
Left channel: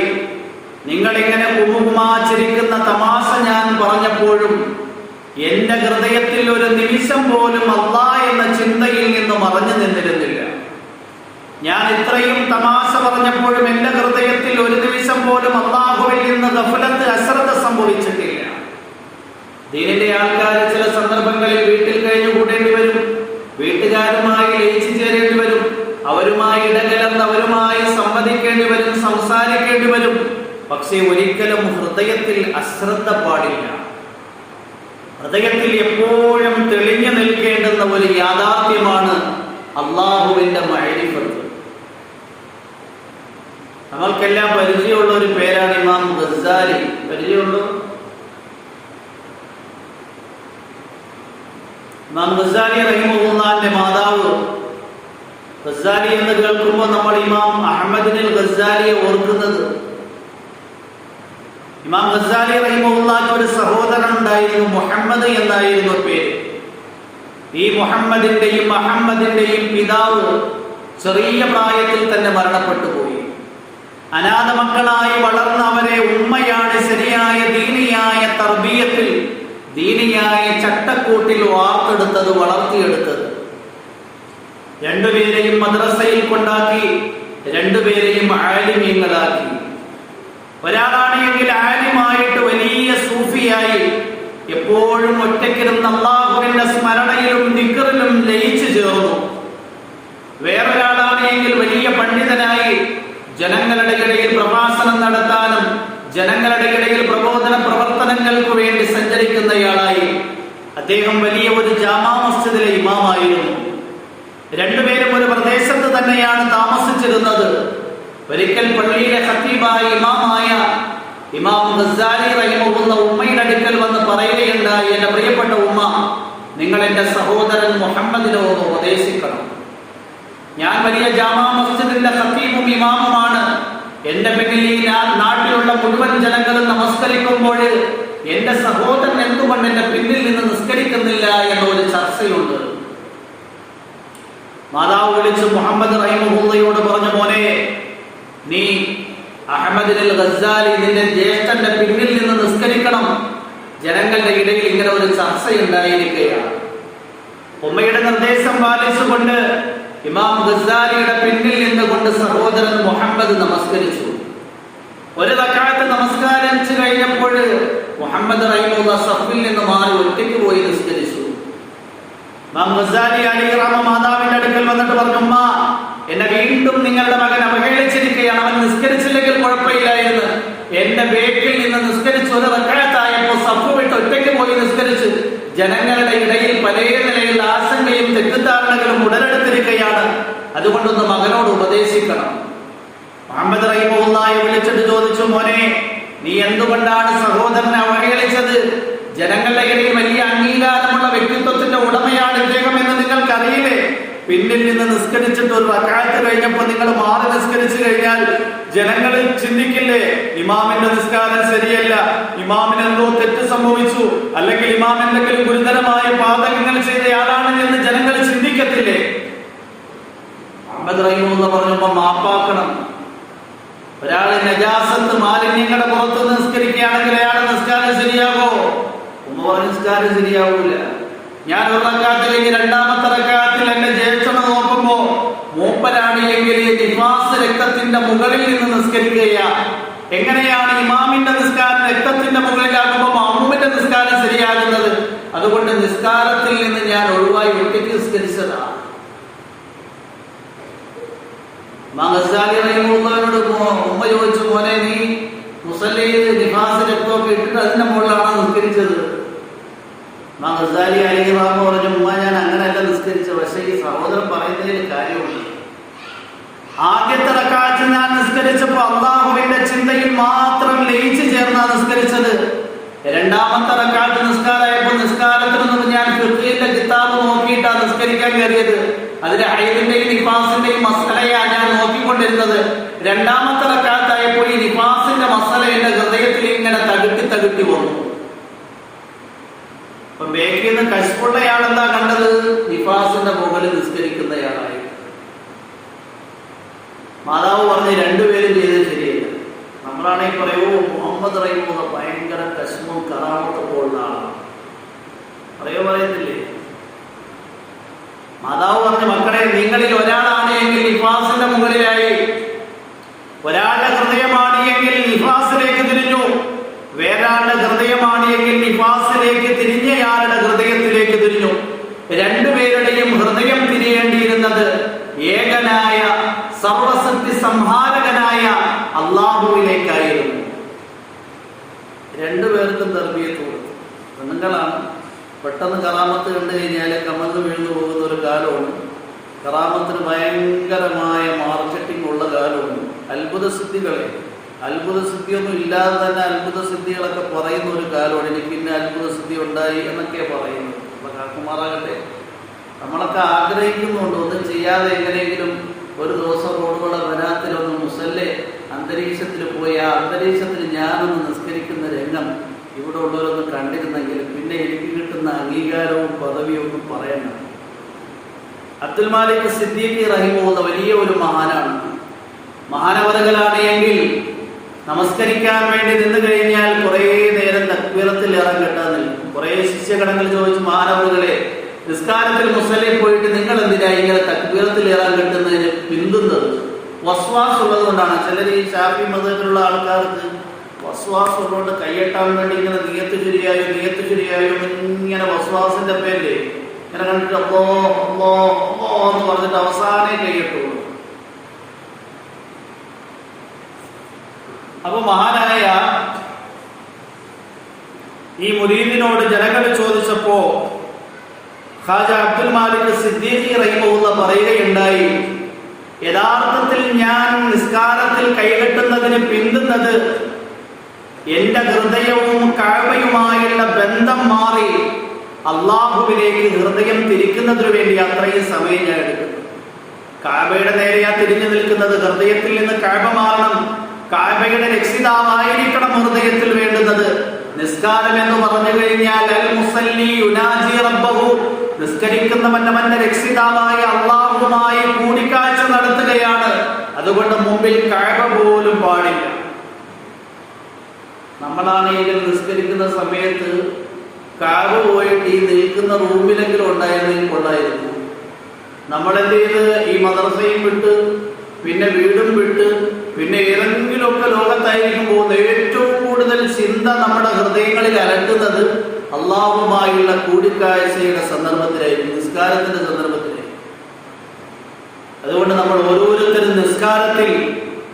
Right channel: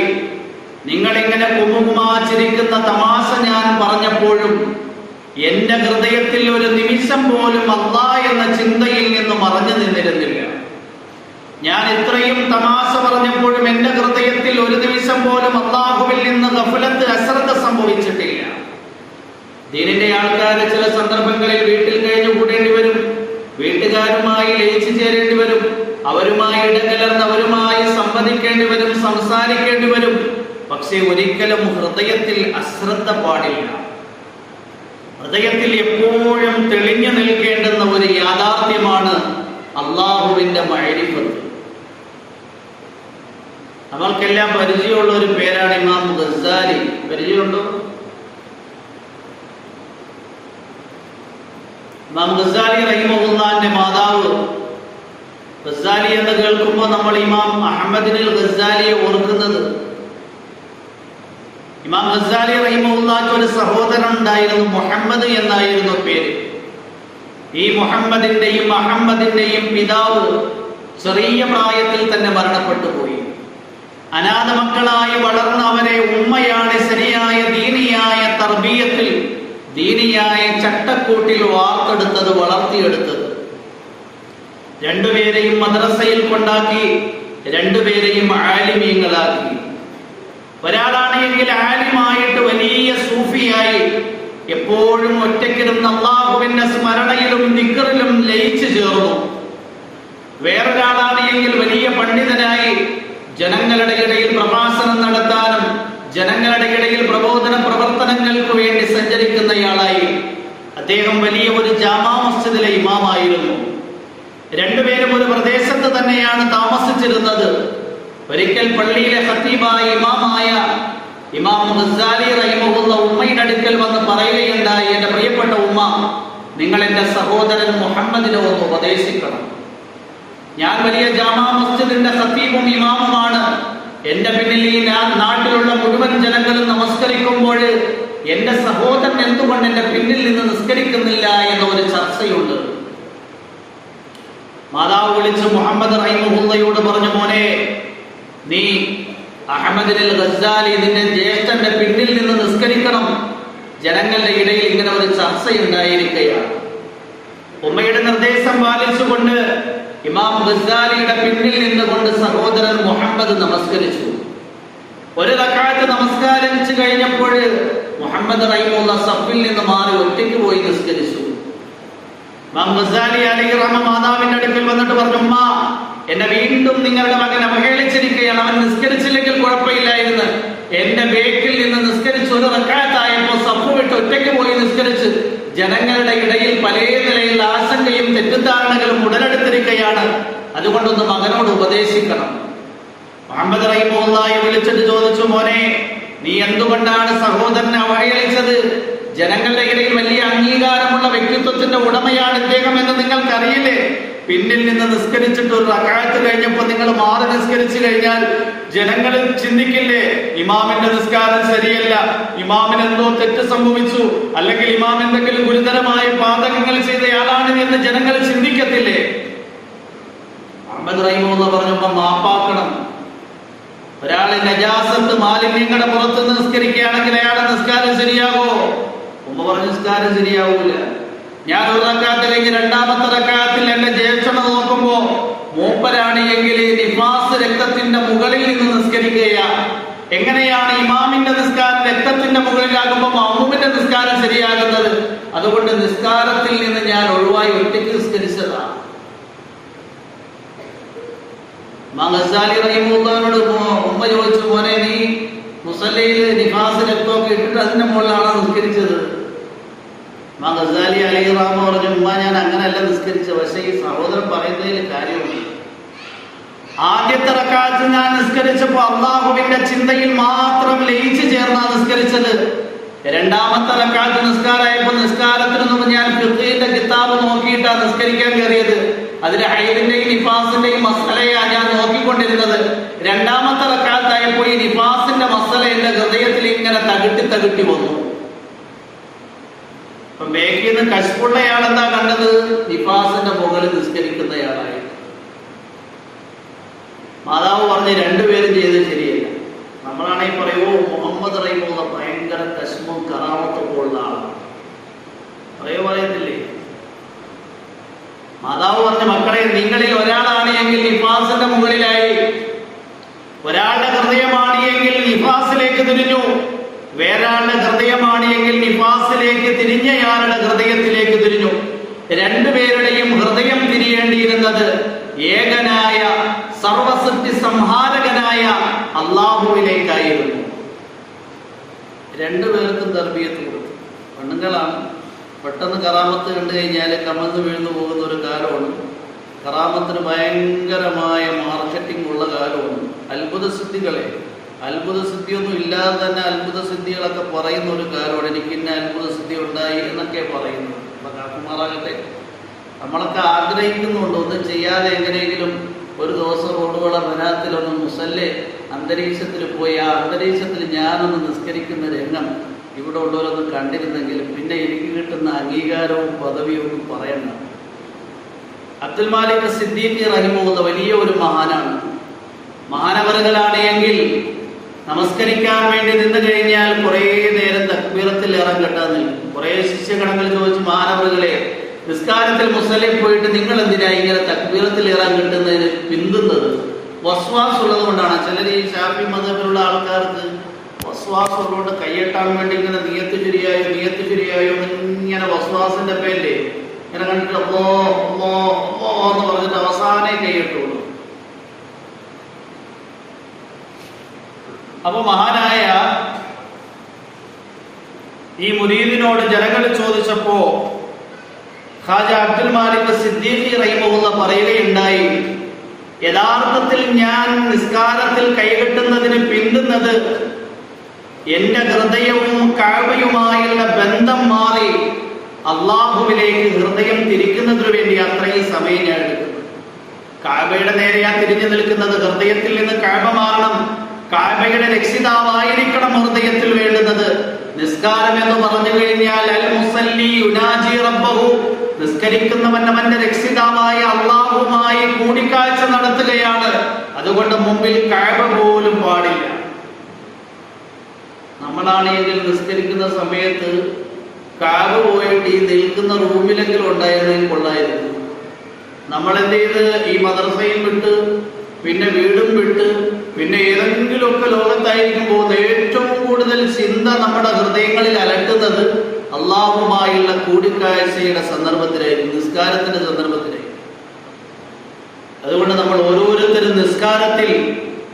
നിങ്ങൾ ഇങ്ങനെ കുമ്മുമാച്ചിരിക്കുന്ന തമാശ ഞാൻ പറഞ്ഞപ്പോഴും എന്റെ ഹൃദയത്തിൽ ഒരു നിമിഷം പോലും അല്ലാഹ് എന്ന ചിന്തയിൽ നിന്ന് മറഞ്ഞു നിന്നിരുന്നില്ല. ഞാൻ ഇത്രയും തമാശ പറഞ്ഞപ്പോഴും എന്റെ ഹൃദയത്തിൽ ഒരു നിമിഷം പോലും അല്ലാഹുവിൽ നിന്ന് ഗഫലത്ത് അശ്രദ്ധ സംഭവിച്ചിട്ടില്ല. ദീനിന്റെ ആൾക്കാർ ചില സന്ദർഭങ്ങളിൽ വീട്ടിൽ കഴിഞ്ഞു കൂട്ടേണ്ടി വരും, വീട്ടുകാരുമായി ലയിച്ചു ചേരേണ്ടി വരും, അവരുമായി ഇടകലർന്ന് അവരുമായി സംവദിക്കേണ്ടി വരും, സംസാരിക്കേണ്ടി വരും. പക്ഷേ ഒരിക്കലും ഹൃദയത്തിൽ അശ്രദ്ധ പാടില്ല. ഹൃദയത്തിൽ എപ്പോഴും തെളിഞ്ഞു നിൽക്കേണ്ടുന്ന ഒരു യാഥാർത്ഥ്യമാണ് അള്ളാഹുവിന്റെ മഅരിഫത്ത്. നമ്മൾക്കെല്ലാം പരിചയമുള്ള ഒരു പേരാണ് ഇമാം ഗസ്സാലി. പരിചയമുണ്ടോ? ഇമാം ഗസ്സാലി റഹിമഹുല്ലാന്റെ മാതാവ്. ഗസ്സാലി എന്ന് കേൾക്കുമ്പോൾ നമ്മൾ ഇമാം അഹ്മദിനുൽ ഗസ്സാലിയെ ഓർക്കുന്നത്. ഇമാം ഗസ്സാലി റഹിമഹുല്ലാഹ് ഒരു സഹോദരൻ ഉണ്ടായിരുന്നു, മുഹമ്മദ് എന്നായിരുന്നു പേര്. ഈ മുഹമ്മദിന്റെയും അഹമ്മദിന്റെയും പിതാവ് ചെറിയ പ്രായത്തിൽ തന്നെ മരണപ്പെട്ടു പോയി. അനാഥ മക്കളായി വളർന്ന അവരെ ഉമ്മയാണ് ശരിയായ ദീനിയായ തർബീയത്തിൽ, ദീനിയായ ചട്ടക്കൂട്ടിൽ വാർത്തെടുത്തത്, വളർത്തിയെടുത്തത്. രണ്ടുപേരെയും മദ്രസയിൽ കൊണ്ടാക്കി, രണ്ടുപേരെയും ആലിമീങ്ങളാക്കി. ഒരാളാണെങ്കിൽ ആലിമായിട്ട് വലിയ സൂഫിയായി എപ്പോഴും ഒറ്റയ്ക്കിരുന്ന അല്ലാഹുവിന്റെ സ്മരണയിലും ദിക്റിലും ലയിച്ചു ചേർന്നു. വേറൊരാളാണെങ്കിൽ വലിയ പണ്ഡിതനായി ജനങ്ങളുടെ ഇടയിൽ പ്രഭാഷണം നടത്താനും ജനങ്ങളുടെ ഇടയിൽ പ്രബോധന പ്രവർത്തനങ്ങൾക്ക് വേണ്ടി സഞ്ചരിക്കുന്നയാളായി. അദ്ദേഹം വലിയ ഒരു ജാമാ മസ്ജിദിലെ ഇമാമായിരുന്നു. രണ്ടുപേരും ഒരു പ്രദേശത്ത് തന്നെയാണ് താമസിച്ചിരുന്നത്. ഒരിക്കൽ പള്ളിയിലെ ഖത്തീബായ ഇമാമായ ഇമാം ഗസ്സാലി റഹിമഹുല്ലാ ഉമ്മയുടെ അടുക്കൽ വന്ന് പറയുകയുണ്ടായി, എന്റെ പ്രിയപ്പെട്ട ഉമ്മ, നിങ്ങൾ എന്റെ സഹോദരൻ മുഹമ്മദിനെ ഒന്ന് ഉപദേശിക്കണം. ഞാൻ വലിയ ജാമാ മസ്ജിദിന്റെ ഖത്തീബും ഇമാമുമാണ്. എന്റെ പിന്നിൽ ഈ നാട്ടിലുള്ള മുഴുവൻ ജനങ്ങളും നമസ്കരിക്കുമ്പോൾ എന്റെ സഹോദരൻ എന്തുകൊണ്ട് എന്റെ പിന്നിൽ നിന്ന് നിസ്കരിക്കുന്നില്ല എന്ന ഒരു ചർച്ചയുണ്ട്. മാതാവ് വിളിച്ച് മുഹമ്മദ് റഹിമഹുല്ലയോട് പറഞ്ഞു, മോനെ, നീ അഹ്മദുൽ ഗസ്സാലി നിന്റെ ജ്യേഷ്ഠന്റെ പിന്നിൽ നിന്ന് നിസ്കരിക്കണം. ജനങ്ങളുടെ ഇടയിൽ ഇങ്ങനെ ഒരു ചർച്ചയുണ്ടായിരിക്കുകയാണ്. ഉമ്മയുടെ നിർദ്ദേശം പാലിച്ചുകൊണ്ട് ഇമാം ഗസ്സാലിയുടെ പിന്നിൽ നിന്നുകൊണ്ട് സഹോദരൻ മുഹമ്മദ് നമസ്കരിച്ചു. ഒരു റക്അത്ത് നിസ്കാരിച്ചു കഴിഞ്ഞപ്പോൾ മുഹമ്മദ് റഹിമഹുള്ള സഫിൽ നിന്ന് മാറി ഒറ്റയ്ക്ക് പോയി നിസ്കരിച്ചു. ഇമാം ഗസാലി അലൈഹി റഹ്മ മാതാവിന്റെ അടുക്കൽ വന്നിട്ട് പറഞ്ഞു, ഉമ്മ, എന്നെ വീണ്ടും നിങ്ങളുടെ മകൻ അവഹേളിച്ചിരിക്കുകയാണ്, അവൻ നിസ്കരിച്ചില്ലെങ്കിൽ കുഴപ്പമില്ലായിരുന്നു. എന്റെ ബേക്കിൽ നിന്ന് നിസ്കരിച്ച് ഒരു റക്അത്തായപ്പോൾ സഫ് വിട്ട് ഒറ്റയ്ക്ക് പോയി നിസ്കരിച്ച് ജനങ്ങളുടെ ഇടയിൽ പല നിലയിൽ ആശങ്കയും തെറ്റിദ്ധാരണകളും ഉടലെടുത്തിരിക്കുകയാണ്. അതുകൊണ്ടൊന്ന് മകനോട് ഉപദേശിക്കണം. മുഹമ്മദ് റഹിമഹുള്ളാഹി വിളിച്ചിട്ട് ചോദിച്ചു, മോനെ, നീ എന്തുകൊണ്ടാണ് സഹോദരനെ അവഹേളിച്ചത്? ജനങ്ങളുടെ ഇടയിൽ വലിയ അംഗീകാരമുള്ള വ്യക്തിത്വത്തിന്റെ ഉടമയാണ് ഇദ്ദേഹം എന്ന് നിങ്ങൾക്ക് അറിയില്ലേ? പിന്നിൽ നിന്ന് നിസ്കരിച്ചിട്ട് ഒരു റക്അത്ത് കഴിഞ്ഞപ്പോൾ നിങ്ങൾ മാറി നിസ്കരിച്ചു കഴിഞ്ഞാൽ ജനങ്ങൾ ചിന്തിക്കില്ലേ, ഇമാമിന്റെ നിസ്കാരം ശരിയല്ല, ഇമാമിന് എന്തോ തെറ്റ് സംഭവിച്ചു, അല്ലെങ്കിൽ ഇമാം എന്തെങ്കിലും ഗുരുതരമായ പാതകങ്ങൾ ചെയ്തയാളാണ് എന്ന് ജനങ്ങൾ ചിന്തിക്കത്തില്ലേ? മുഹമ്മദ് റഹിമഹുള്ളാഹി പറഞ്ഞപ്പോൾ മാപ്പാക്കണം. ഒരാളെ നജാസത്ത് മാലിന്യങ്ങളുടെ പുറത്ത് നിസ്കരിക്കുകയാണെങ്കിൽ അയാളെ നിസ്കാരം ശരിയാവോ? ഉമ്മ പറഞ്ഞ നിസ്കാരം ശരിയാവൂല. ഞാൻ ഒരു റക്അത്ത് കഴിഞ്ഞ് രണ്ടാമത്തെ റക്അത്തിൽ എന്റെ ജ്യേഷ്ഠനെ നോക്കുമ്പോ മൂപ്പരാണ് എങ്കിൽ നിഫാസ് രക്തത്തിന്റെ മുകളിൽ നിന്ന് നിസ്കരിക്കുകയാണ്. എങ്ങനെയാണ് ഇമാമിന്റെ നിസ്കാരം രക്തത്തിന്റെ മുകളിലാകുമ്പോൾ മഅ്മൂമിന്റെ നിസ്കാരം ശരിയാകുന്നത്? അതുകൊണ്ട് നിസ്കാരത്തിൽ നിന്ന് ഞാൻ ഒഴിവായി ഒറ്റയ്ക്ക് നിസ്കരിച്ചതാണ്. ഉമ്മ ചോദിച്ചു, മോനെ, നീ മുസല്ലയിൽ നിഫാസ് രക്തമൊക്കെ ഇട്ടിട്ട് അതിന്റെ മുകളിലാണ് നിസ്കരിച്ചത്? ഗസാലി അലൈഹി റഹ്മ പറഞ്ഞു, ഉമ്മ, ഞാൻ അങ്ങനെയല്ല നിസ്കരിച്ചത്. പക്ഷേ ഈ സഹോദരൻ പറയുന്നതിൽ കാര്യമുണ്ട്. ആദ്യത്തെ റക്അത്ത് ഞാൻ നിസ്കരിച്ചപ്പോൾ അല്ലാഹുവിന്റെ ചിന്തയിൽ മാത്രം ലയിച്ചു ചേർന്നാണ് നിസ്കരിച്ചത്. രണ്ടാമത്തെ റക്അത്ത് നിസ്കാരമായപ്പോൾ നിസ്കാരത്തിനൊന്നും ഞാൻ ഫിഖ്ഹിന്റെ കിതാബ് നോക്കിയിട്ടാണ് നിസ്കരിക്കാൻ കയറിയത്. അതിലെ ഹൈദിന്റെയും നിഫാസിന്റെയും മസലയാണ് ഞാൻ നോക്കിക്കൊണ്ടിരുന്നത്. രണ്ടാമത്തെ റക്അത്തായപ്പോൾ ഈ നിഫാസിന്റെ മസല എന്റെ ഹൃദയത്തിൽ ഇങ്ങനെ തകിട്ടി വന്നു. ബേക്കിൽ നിന്ന് കശ്ഫുള്ളയാളെന്താ കണ്ടത്? നിഫാസിന്റെ മുകളിൽ നിസ്കരിക്കുന്നയാളായി. മാതാവ് പറഞ്ഞ് രണ്ടുപേരും ചെയ്തത് ശരിയല്ല. നമ്മളാണെങ്കിൽ പറയുമോ, മുഹമ്മദ് റഹിമഹുള്ളാഹി ഭയങ്കര കശ്മും കറാമത്തൊക്കെ ഉള്ള ആളാണ് പറയത്തില്ലേ? മാതാവ് പറഞ്ഞ, മക്കളെ, നിങ്ങളിൽ ഒരാളാണ് എങ്കിൽ നിഫാസിന്റെ മുകളിലായി, ഒരാളുടെ ഹൃദയമാണ് എങ്കിൽ നിഫാസിലേക്ക് തിരിഞ്ഞു, വേറൊരാളുടെ ഹൃദയമാണ് എങ്കിൽ നിഫാസിലേക്ക് തിരിഞ്ഞയാളുടെ ഹൃദയത്തിലേക്ക് തിരിഞ്ഞു. രണ്ടുപേരുടെയും ഹൃദയം തിരിയേണ്ടിയിരുന്നത് ഏകനായ സർവസൃഷ്ടി സംഹാരകനായ അല്ലാഹുവിലേക്കായിരുന്നു. രണ്ടുപേർക്കും തർബിയത്ത് കൊടുത്തു. പെണ്ണുങ്ങളാണ്. പെട്ടെന്ന് കറാമത്ത് കണ്ടു കഴിഞ്ഞാൽ കമന്ന് വീഴ്ന്നു പോകുന്ന ഒരു കാലമാണ്. കറാമത്തിന് ഭയങ്കരമായ മാർക്കറ്റിംഗ് ഉള്ള കാലമാണ്. അത്ഭുത സിദ്ധിയൊന്നും ഇല്ലാതെ തന്നെ അത്ഭുത സിദ്ധികളൊക്കെ പറയുന്ന ഒരു കാലമാണ്. എനിക്ക് ഇന്ന അത്ഭുത സിദ്ധി ഉണ്ടായി എന്നൊക്കെ പറയുന്നു. കാക്കുമാറാകട്ടെ, നമ്മളൊക്കെ ആഗ്രഹിക്കുന്നുണ്ട് ഒന്നും ചെയ്യാതെ എങ്ങനെയെങ്കിലും ഒരു ദിവസം റോഡുകളെ വനാത്തിലൊന്ന് മുസല്ലെ അന്തരീക്ഷത്തിൽ പോയി ആ അന്തരീക്ഷത്തിൽ ഞാനൊന്ന് നിസ്കരിക്കുന്ന രംഗം ഇവിടെ ഉള്ളവരൊന്ന് കണ്ടിരുന്നെങ്കിൽ പിന്നെ എനിക്ക് കിട്ടുന്ന അംഗീകാരവും പദവിയും പറയണം. അബ്ദുൽ മാലിക് സിദ്ദീഖി റഹിമഹുല്ലാഹ് വലിയ ഒരു മഹാനാണ്. മഹാനവറുകളാണ് എങ്കിൽ നമസ്കരിക്കാൻ വേണ്ടി നിന്ന് കഴിഞ്ഞാൽ കുറെ നേരം തക്ബീറത്തിൽ ഇറങ്ങട്ടാൻ നിൽക്കും. കുറെ ശിഷ്യഗണങ്ങൾ ചോദിച്ചു, മഹാനവറുകളെ, നിസ്കാരത്തിൽ മുസല്ലയിൽ പോയിട്ട് നിങ്ങൾ എന്തിനാ ഇങ്ങനെ തക്ബീറത്തിൽ ഇറങ്ങട്ടുന്നതിന് പിന്തുന്നത്? വസ്വാസ് ഉള്ളത് കൊണ്ടാണ്. ചിലർ ഈ ശാഫി മതത്തിലുള്ള ആൾക്കാർക്ക് വസ്വാസ് ഉള്ളതുകൊണ്ട് കയ്യെട്ടാൻ വേണ്ടി ഇങ്ങനെ നിയത്ത് ശരിയായോ ഇങ്ങനെ വസ്വാസിന്റെ പേരില്ലേ ഇങ്ങനെ കണ്ടിട്ട് അല്ലോ എന്ന് പറഞ്ഞിട്ട് അവസാനേ കയ്യെട്ടുള്ളൂ. അപ്പൊ മഹാനായ ഈ മുരീദിനോട് ജനങ്ങൾ ചോദിച്ചപ്പോ ഖാജ അബ്ദുൽ മാലിക് സിദ്ദീഖി റഹിമഹുല്ലാഹ് പറയുകയുണ്ടായി, യഥാർത്ഥത്തിൽ ഞാൻ നിസ്കാരത്തിൽ കൈകെട്ടുന്നതിന് പിന്തുന്നത് എന്റെ ഹൃദയവും കഅബയുമായുള്ള ബന്ധം മാറി അള്ളാഹുവിലേക്ക് ഹൃദയം തിരിക്കുന്നതിനു വേണ്ടി അത്രയും സമയം ഞാൻ എടുക്കുന്നു. കഅബയുടെ നേരെയാ തിരിഞ്ഞു നിൽക്കുന്നത്. ഹൃദയത്തിൽ നിന്ന് കഅബ മാറണം. കഅബയുടെ രക്ഷിതാവായിരിക്കണം ഹൃദയത്തിൽ വേണ്ടുന്നത്. നിസ്കാരം എന്ന് പറഞ്ഞു കഴിഞ്ഞാൽ അൽ മുസല്ലി യുനാജി റബ്ബഹു, നിസ്കരിക്കുന്നവൻ അവന്റെ രക്ഷിതാവായ അള്ളാഹുവുമായി കൂടിക്കാഴ്ച നടത്തുകയാണ്. അതുകൊണ്ട് മുമ്പിൽ കഅബ പോലും പാടില്ല. നമ്മളാണെങ്കിൽ നിസ്കരിക്കുന്ന സമയത്ത് കഅബ പോയിട്ട് ഈ നിൽക്കുന്ന റൂമിലെങ്കിലും ഉണ്ടായിരുന്നെങ്കിൽ കൊള്ളായിരുന്നു. നമ്മളെന്ത് ചെയ്ത് ഈ മദ്രസയും വിട്ട് പിന്നെ വീടും വിട്ട് പിന്നെ ഏതെങ്കിലുമൊക്കെ ലോകത്തായിരിക്കും പോകുന്നത്. ഏറ്റവും കൂടുതൽ കൂടിക്കാഴ്ചയുടെ സന്ദർഭത്തിലായിരുന്നു, നിസ്കാരത്തിന്റെ സന്ദർഭത്തിലായിരുന്നു. അതുകൊണ്ട് നമ്മൾ ഓരോരുത്തരും നിസ്കാരത്തിൽ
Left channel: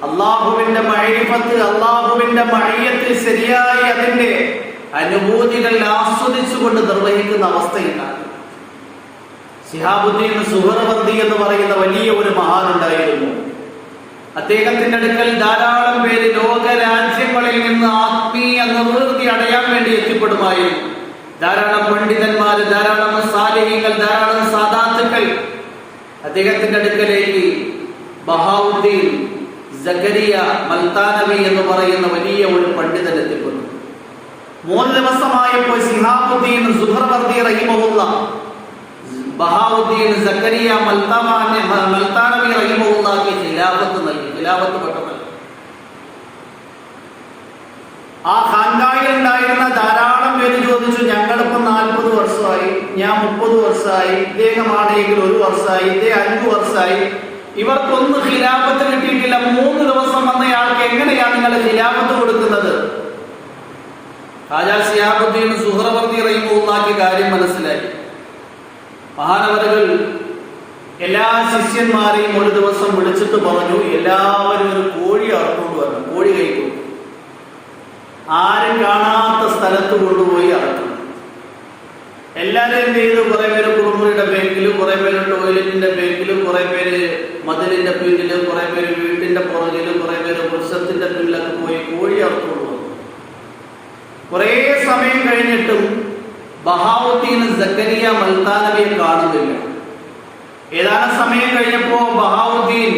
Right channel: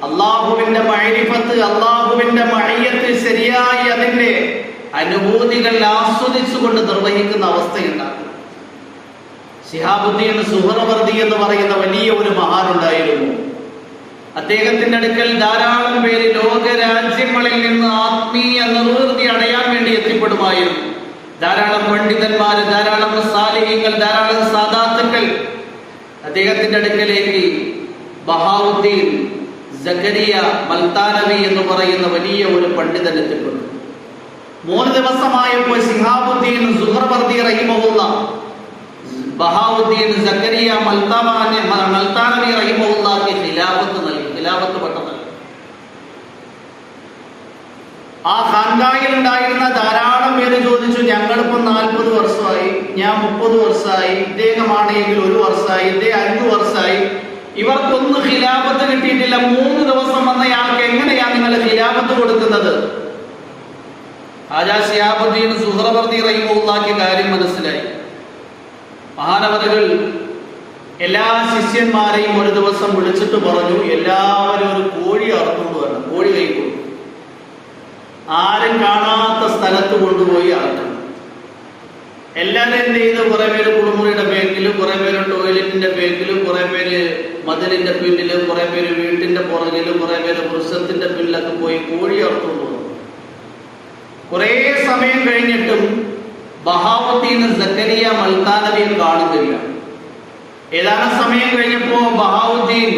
അള്ളാഹുവിന്റെ മഅരിഫത്ത്, അള്ളാഹുവിന്റെ മഅയ്യത്ത് ശരിയായി അതിന്റെ അനുഭൂതികൾ ആസ്വദിച്ചുകൊണ്ട് നിർവഹിക്കുന്ന അവസ്ഥയുണ്ടാകും. ശിഹാബുദ്ദീൻ സുഹ്റവർദി എന്ന് പറയുന്ന വലിയ ഒരു മഹാനുണ്ടായിരുന്നു. അദ്ദേഹത്തിന്റെ അടുക്കൽ ധാരാളം പേര് ലോക രാജ്യങ്ങളിൽ നിന്ന് ആത്മീയ നിർവൃതി അടയാൻ വേണ്ടി എത്തിപ്പെടുമായിരുന്നു. ധാരാളം പണ്ഡിതന്മാര്, ധാരാളം സാലിഹീങ്ങൾ, ധാരാളം സാദാത്തുക്കൾ അദ്ദേഹത്തിന്റെ അടുക്കലേക്ക് ബഹാവുദ്ദീൻ സക്കരിയ മൽത്താനവി എന്ന് പറയുന്ന വലിയ ഒരു പണ്ഡിതൻ എത്തിപ്പെടുന്നു. 3 ദിവസമായപ്പോൾ ശിഹാബുദ്ദീൻ സുഹ്റവർദി റഹിമഹുല്ലാഹ് ബഹാവുദ്ദീൻ സക്കരിയ മൽത്താനവി റഹിമഹുല്ലാഹ്ക്ക് ഖിലാഫത്ത് നൽകി, ഖിലാഫത്ത് പട്ടം നൽകി. ആ ഖാൻഖായിൽ ഉണ്ടായിരുന്ന ധാരാളം പേര് ചോദിച്ചു, ഞങ്ങളിപ്പോ 40 വർഷമായി, ഞാൻ 30 വർഷമായി, ഇദ്ദേഹമാണെങ്കിൽ 1 വർഷമായി, ഇദ്ദേഹം 5 വർഷമായി, ഇവർക്കൊന്നും ഖിലാഫത്ത് കിട്ടിയിട്ടില്ല. 3 ദിവസം വന്നയാൾക്ക് എങ്ങനെയാണ് നിങ്ങൾ ഖിലാഫത്ത് കൊടുക്കുന്നത്? ഹാജാ ശിഹാബുദ്ദീൻ സുഹ്റവർദി റഹിമഹുല്ലാഹ്ക്ക് കാര്യം മനസ്സിലായി. മഹാനവറുകൾ എല്ലാ ശിഷ്യന്മാരെയും ഒരു ദിവസം വിളിച്ചിട്ട് പറഞ്ഞു, എല്ലാവരും ഒരു കോഴി അറുത്തുകൊണ്ട് വരണം, കോഴി കഴിക്കും, ആരും കാണാത്ത സ്ഥലത്ത് കൊണ്ടുപോയി അറക്കണം. എല്ലാവരും എന്ത് ചെയ്ത്, കുറെ പേര് കുളിമുറിയുടെ ബാങ്കിലും, കുറെ പേര് ടോയ്ലറ്റിന്റെ ബാങ്കിലും, കുറെ പേര് മതിലിന്റെ പിന്നിലും, കുറെ പേര് വീട്ടിന്റെ പുറകിലും, കുറെ പേര് വൃക്ഷത്തിന്റെ പിന്നിലൊക്കെ പോയി കോഴി അറുത്തുകൊണ്ട് വന്നു. കുറെ സമയം കഴിഞ്ഞിട്ടും ബഹാവുദ്ദീൻ സക്കരിയ മൽത്താനവിയെ കാണുന്നില്ല. ഏതാനും സമയം കഴിഞ്ഞപ്പോ ബഹാവുദ്ദീൻ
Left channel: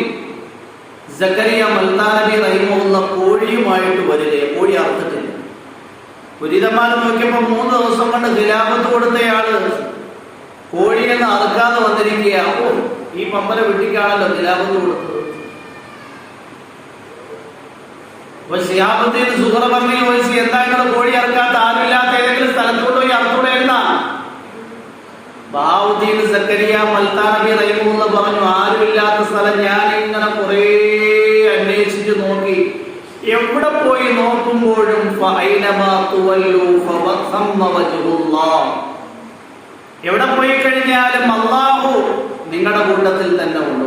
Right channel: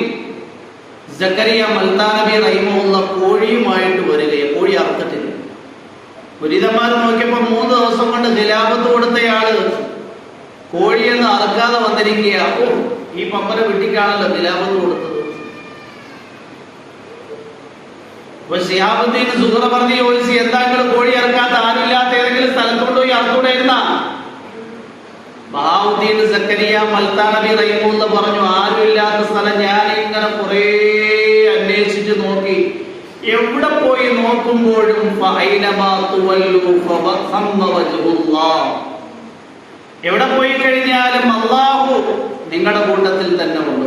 സക്കരിയ മൽത്താനവി റഹിമഹുല്ലാഹ് കോഴിയുമായിട്ട് വരികയെ, കോഴി അറുത്തിട്ടില്ല. പുരിതന്മാർ നോക്കിയപ്പോ 3 ദിവസം കൊണ്ട് ഖിലാഫത്ത് കൊടുത്തയാള് കോഴിയെന്ന് അറക്കാതെ വന്നിരിക്കുക. ഓ, ഈ പമ്പര വെട്ടിക്കാണല്ലോ ഖിലാഫത്ത് കൊടുത്തത്. അപ്പൊ ശിഹാബുദ്ദീൻ സുഹ്റവർദി ചോദിച്ചു, എന്തായാലും കോഴി അറക്കാത്ത ആരുമില്ലാത്ത ഏതെങ്കിലും സ്ഥലത്തോട്ട് പോയി അറുത്തൂടായിരുന്ന? ബഹാവുദ്ദീൻ സക്കരിയ മൽത്താനവി റഹിമഹുല്ലാഹ് പറഞ്ഞു, ആരുമില്ലാത്ത സ്ഥലം ഞാൻ ഇങ്ങനെ കുറെ അന്വേഷിച്ച് നോക്കി, എവിടെ പോയി നോക്കുമ്പോഴും എവിടെ പോയി കഴിഞ്ഞാലും അല്ലാഹു നിങ്ങളുടെ കൂട്ടത്തിൽ തന്നെ ഉണ്ട്.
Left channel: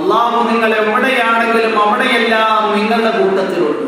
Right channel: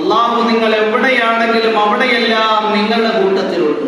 അല്ലാഹു നിങ്ങൾ എവിടെയാണെങ്കിലും അവിടെയെല്ലാം നിങ്ങളുടെ കൂട്ടത്തിലുണ്ട്.